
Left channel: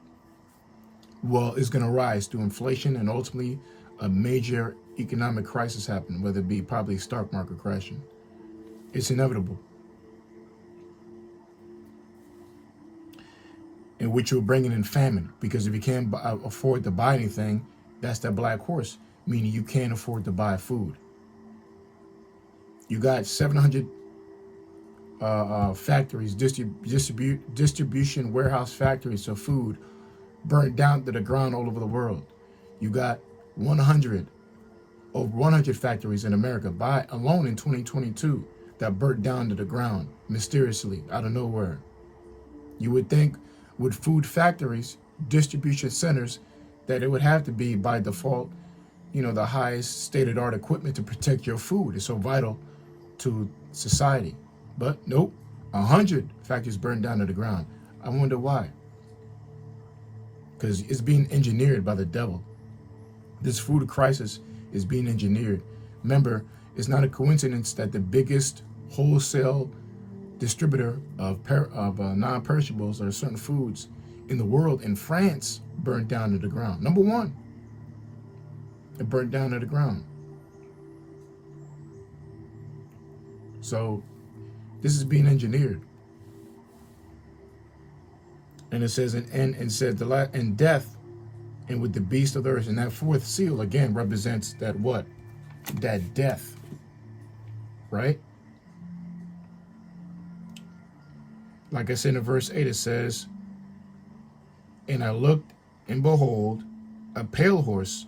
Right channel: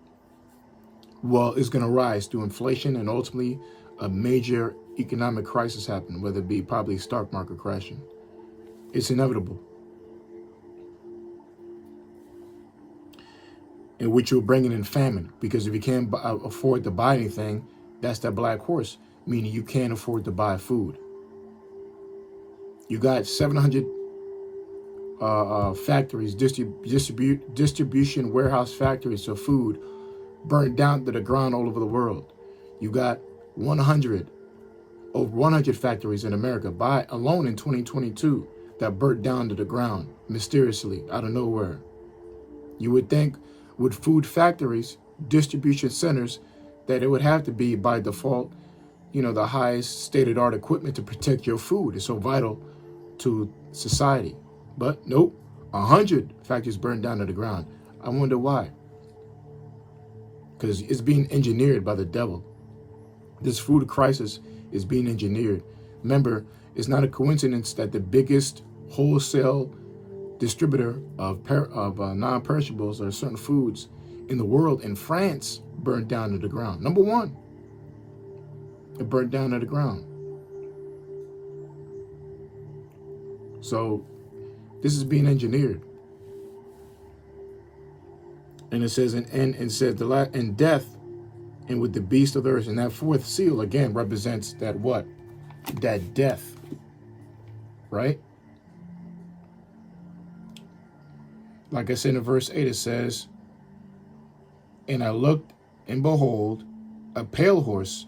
Well, it's gonna rise through inflation and ultimately a major economic crisis happen, whether it be probably stock market crashing. It's inevitable. In which you're bringing in famine, because if you can't afford to buy anything, that's that black horse, meaning you can't afford to buy food. You got 700 factories, distribution warehouse factories of food burnt down to the ground all over the world. You got over 100 factories in America alone in 2022 that burnt down to the ground mysteriously out of nowhere. You would think with food factories, distribution centers, that it would have to be by default, the highest state-of-the-art equipment to protect your food. It's so vital to society. But nope, 100 factories burned down to the ground. I wonder why. Because it's being engineered by the devil. This food crisis is being engineered. Remember, it's not a coincidence that the biggest wholesale distributor of non-perishables or certain foods in the world, in France, burned down to the ground. Number one, it burned down to the ground. So this is being engineered. And it says, and death, and with the beast of the earth. And that fourth seal again represents that what? That death, right? Like I said in verse 8, it says, and I looked, and behold, a pale horse,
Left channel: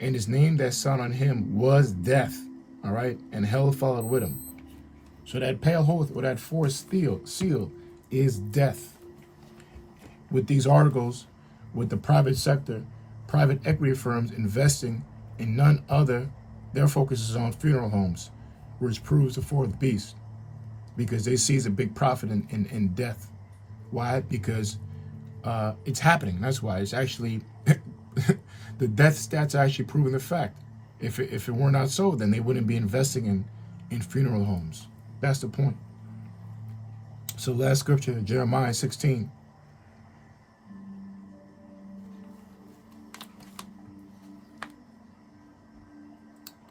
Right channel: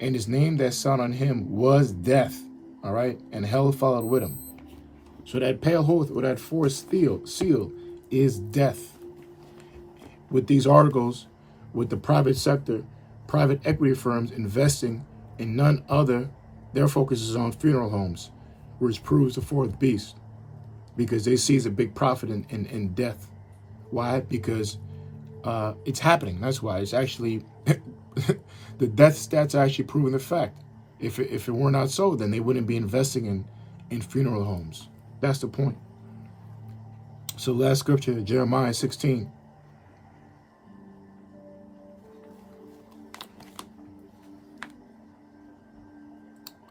and his name that sat on him was Death. All right, and hell followed with him. So that pale horse, or that fourth seal, is death. With these articles, with the private sector, private equity firms investing in none other, their focus is on funeral homes, which proves the fourth beast, because they see a big profit in death. Why? Because it's happening. That's why. It's actually the death stats are actually proving the fact. If it were not so, then they wouldn't be investing in funeral homes. That's the point. So last scripture, Jeremiah 16.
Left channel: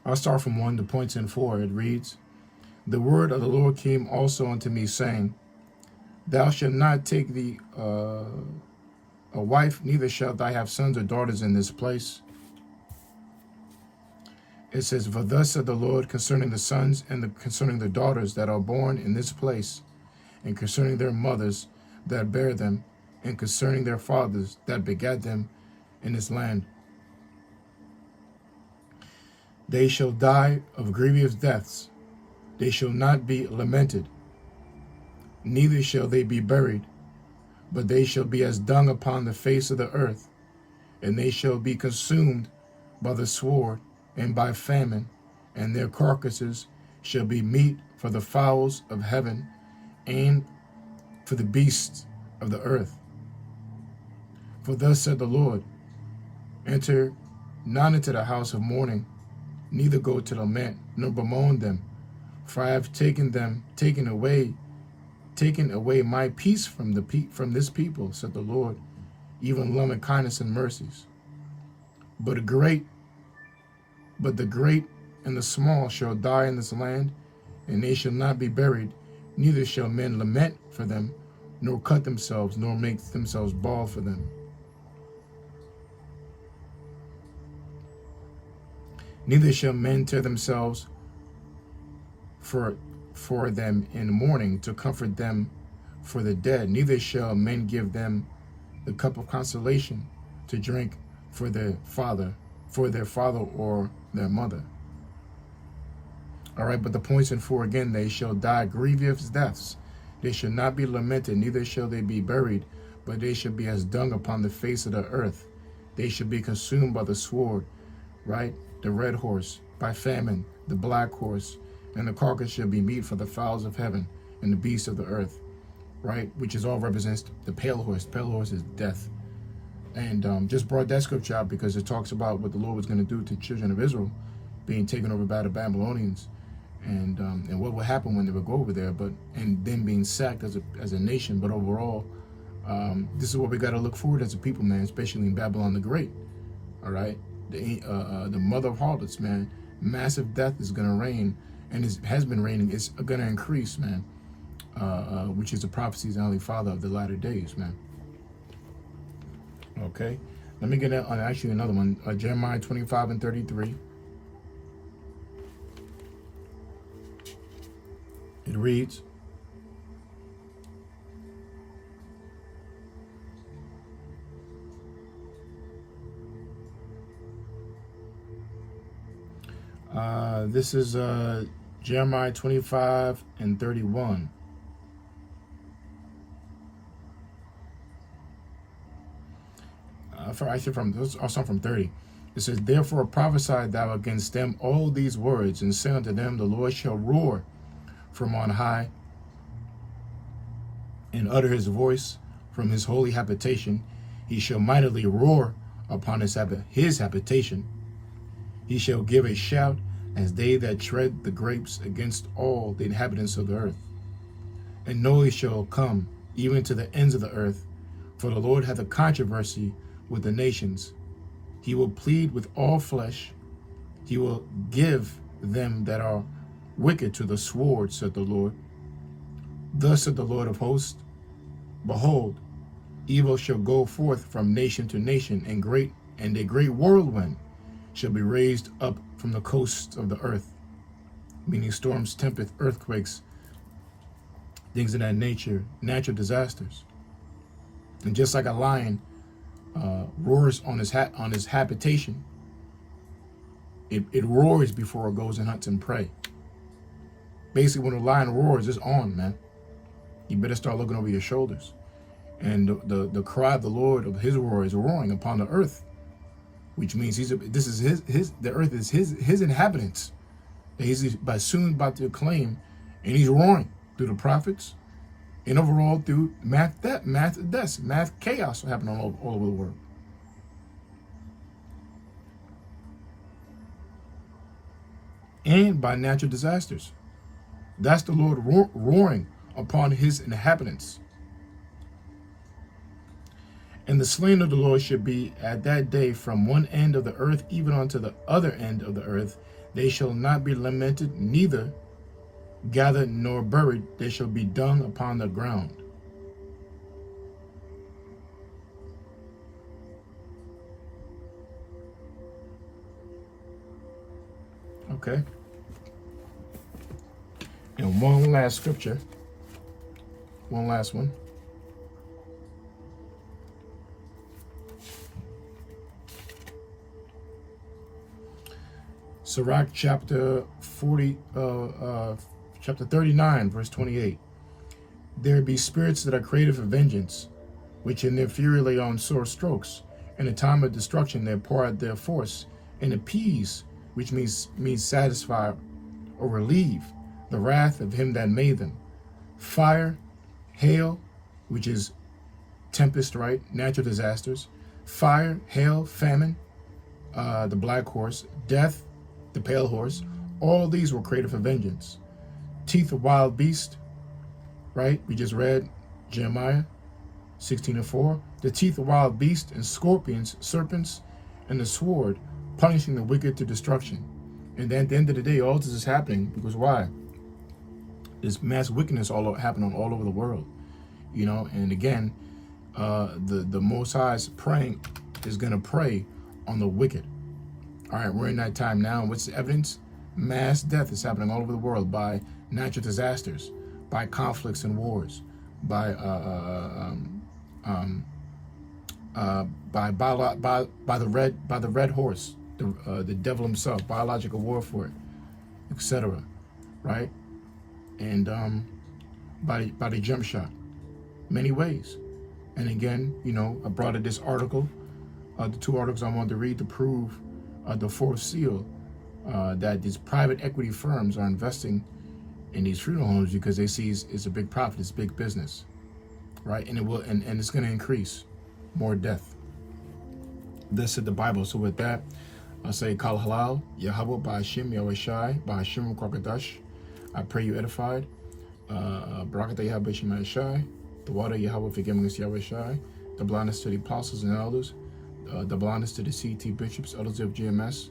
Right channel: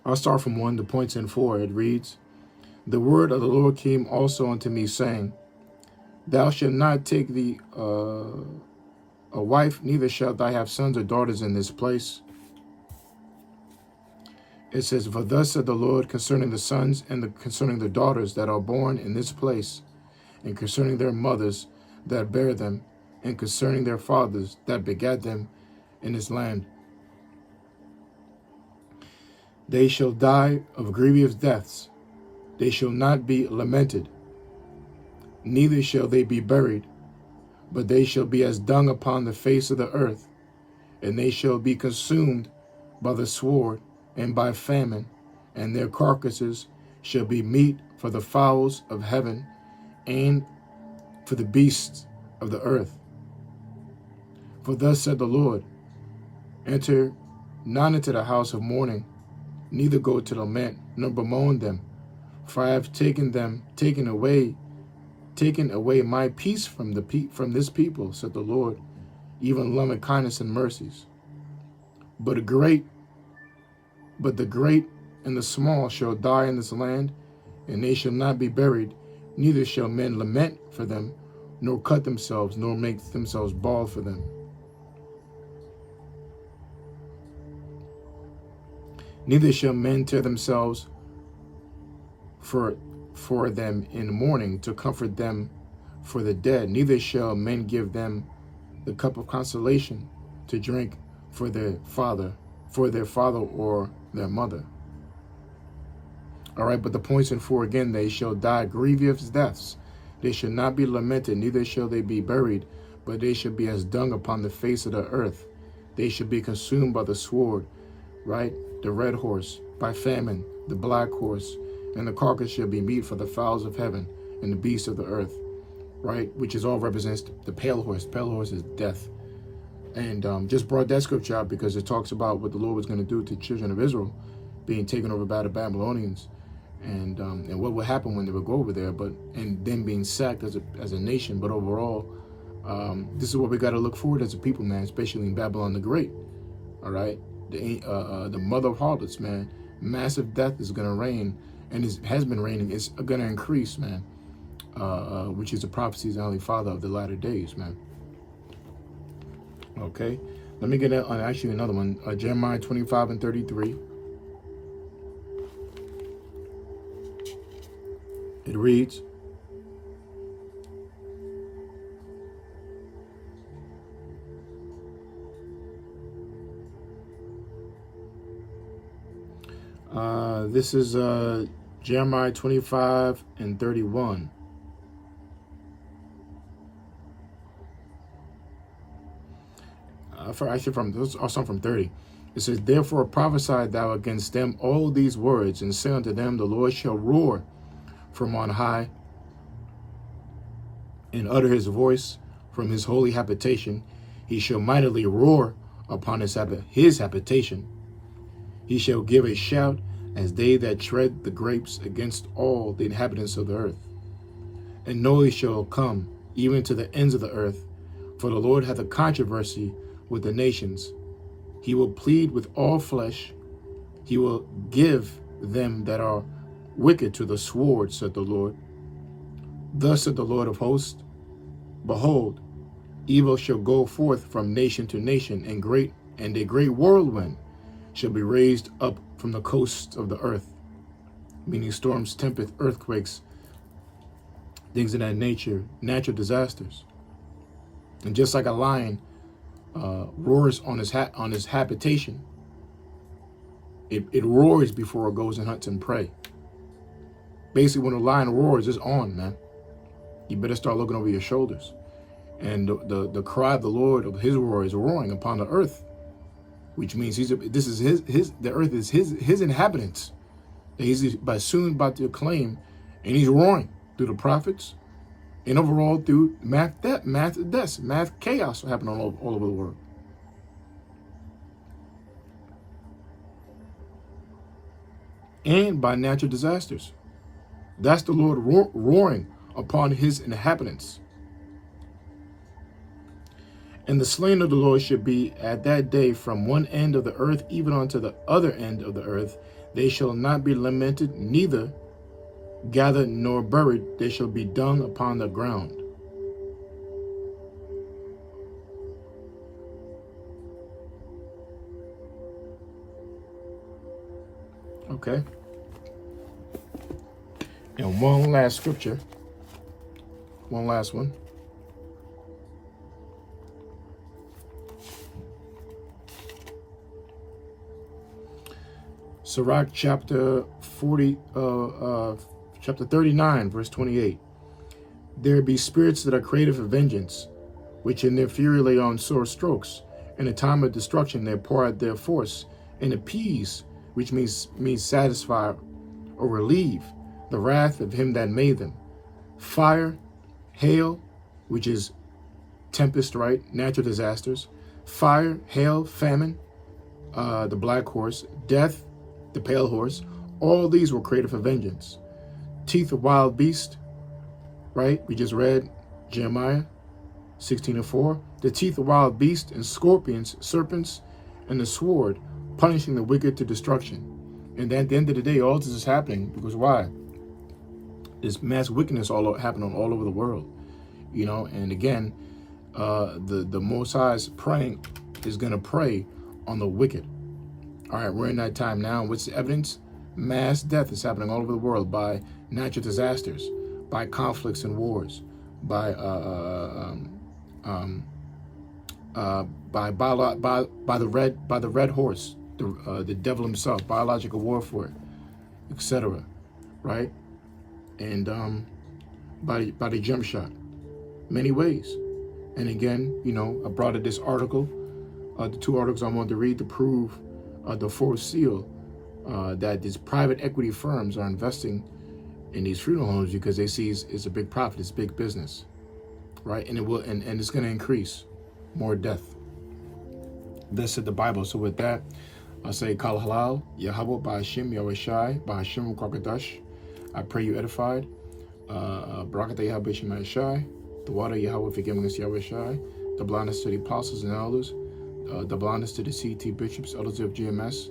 I'll start from 1 to points in 4. It reads, the word of the Lord came also unto me, saying, thou shalt not take thee a wife, neither shalt thou have sons or daughters in this place. It says, for thus said the Lord concerning the sons and concerning the daughters that are born in this place, and concerning their mothers that bear them, and concerning their fathers that begat them in this land. They shall die of grievous deaths. They shall not be lamented, neither shall they be buried, but they shall be as dung upon the face of the earth, and they shall be consumed by the sword and by famine, and their carcasses shall be meat for the fowls of heaven and for the beasts of the earth. For thus said the Lord, enter not into the house of mourning, neither go to lament, nor bemoan them, for I have taken away my peace from this people, said the Lord, even loving kindness and mercies. But the great and the small shall die in this land, and they shall not be buried, neither shall men lament for them, nor cut themselves, nor make themselves bald for them. Neither shall men tear themselves for them in mourning, to comfort them for the dead. Neither shall men give them the cup of consolation to drink for their father or their mother. All right, but the points in 4 again, they shall die grievous deaths. They shall not be lamented, neither shall they be buried, but they shall be as dung upon the face of the earth. They shall be consumed by the sword, right? The red horse, by famine, the black horse, and the carcass shall be meat for the fowls of heaven and the beasts of the earth, right? Which is all represents the pale horse. Pale horse is death. And just brought that scripture out because it talks about what the Lord was going to do to the children of Israel being taken over by the Babylonians, and what would happen when they would go over there, and then being sacked as a nation. But overall, this is what we got to look forward as a people, man, especially in Babylon the Great. All right, the mother of harlots, man. Massive death is going to reign, and it has been reigning. It's going to increase, man, which is the prophecies and only father of the latter days, man. Okay, let me get actually another one. Jeremiah 25:33. It reads, this is Jeremiah 25:31. Actually, from 30. It says, therefore prophesy thou against them all these words, and say unto them, the Lord shall roar from on high, and utter his voice from his holy habitation. He shall mightily roar upon his habitation. He shall give a shout as they that tread the grapes against all the inhabitants of the earth. And noise shall come even to the ends of the earth, for the Lord hath a controversy with the nations. He will plead with all flesh. He will give them that are wicked to the sword, said the Lord. Thus said the Lord of hosts, behold, evil shall go forth from nation to nation, and a great whirlwind shall be raised up from the coasts of the earth, meaning storms, tempests, earthquakes, things of that nature, natural disasters. And just like a lion roars on his habitation, it roars before it goes and hunts and prey. Basically, when a lion roars, it's on, man. You better start looking over your shoulders. And the cry of the Lord of his roar is roaring upon the earth, which means the earth is his inhabitants that he's soon about to claim, and he's roaring through the prophets, and overall through mass chaos happening all over the world. And by natural disasters. That's the Lord roaring upon his inhabitants. And the slain of the Lord should be at that day from one end of the earth even unto the other end of the earth. They shall not be lamented, neither gathered nor buried. They shall be dung upon the ground. Okay. And one last scripture. One last one. Sirach chapter 39, verse 28. There be spirits that are created for vengeance, which in their fury lay on sore strokes. In the time of destruction they pour out their force, and appease, which means satisfy or relieve the wrath of him that made them. Fire, hail, which is tempest, right? Natural disasters. Fire, hail, famine, the black horse, death, the pale horse. All these were created for vengeance. Teeth of wild beast, right? We just read Jeremiah 16:4. The teeth of wild beast and scorpions, serpents, and the sword, punishing the wicked to destruction. And at the end of the day, all this is happening because why? There's mass wickedness happening all over the world, you know. And again, the Most High is going to prey on the wicked. All right, we're in that time now. What's the evidence? Mass death is happening all over the world by natural disasters, by conflicts and wars, by the red horse, the devil himself, biological warfare, etc. Right? And by the jump shot. Many ways. And again, I brought this article, the two articles I wanted to read to prove the fourth seal, that these private equity firms are investing in these funeral homes because they see it's a big profit, it's big business, right? And it will, and it's going to increase more death. This said the Bible. So with that, I say Kal Halal, Yahweh, Bahashim, Yahweh Shai, Bahashim, Kwakadash. I pray you edified. Barakatah Yahweh Shemai Shai. The water Yahweh forgiving us Yahweh Shai. The blindness to the apostles and elders. The blindness to the CT bishops, elders of GMS.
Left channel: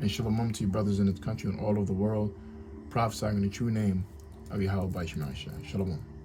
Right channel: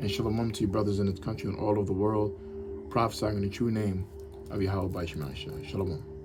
And shalom to your brothers in this country and all over the world, prophesying in the true name of Yahweh Shemai Shai. Shalom.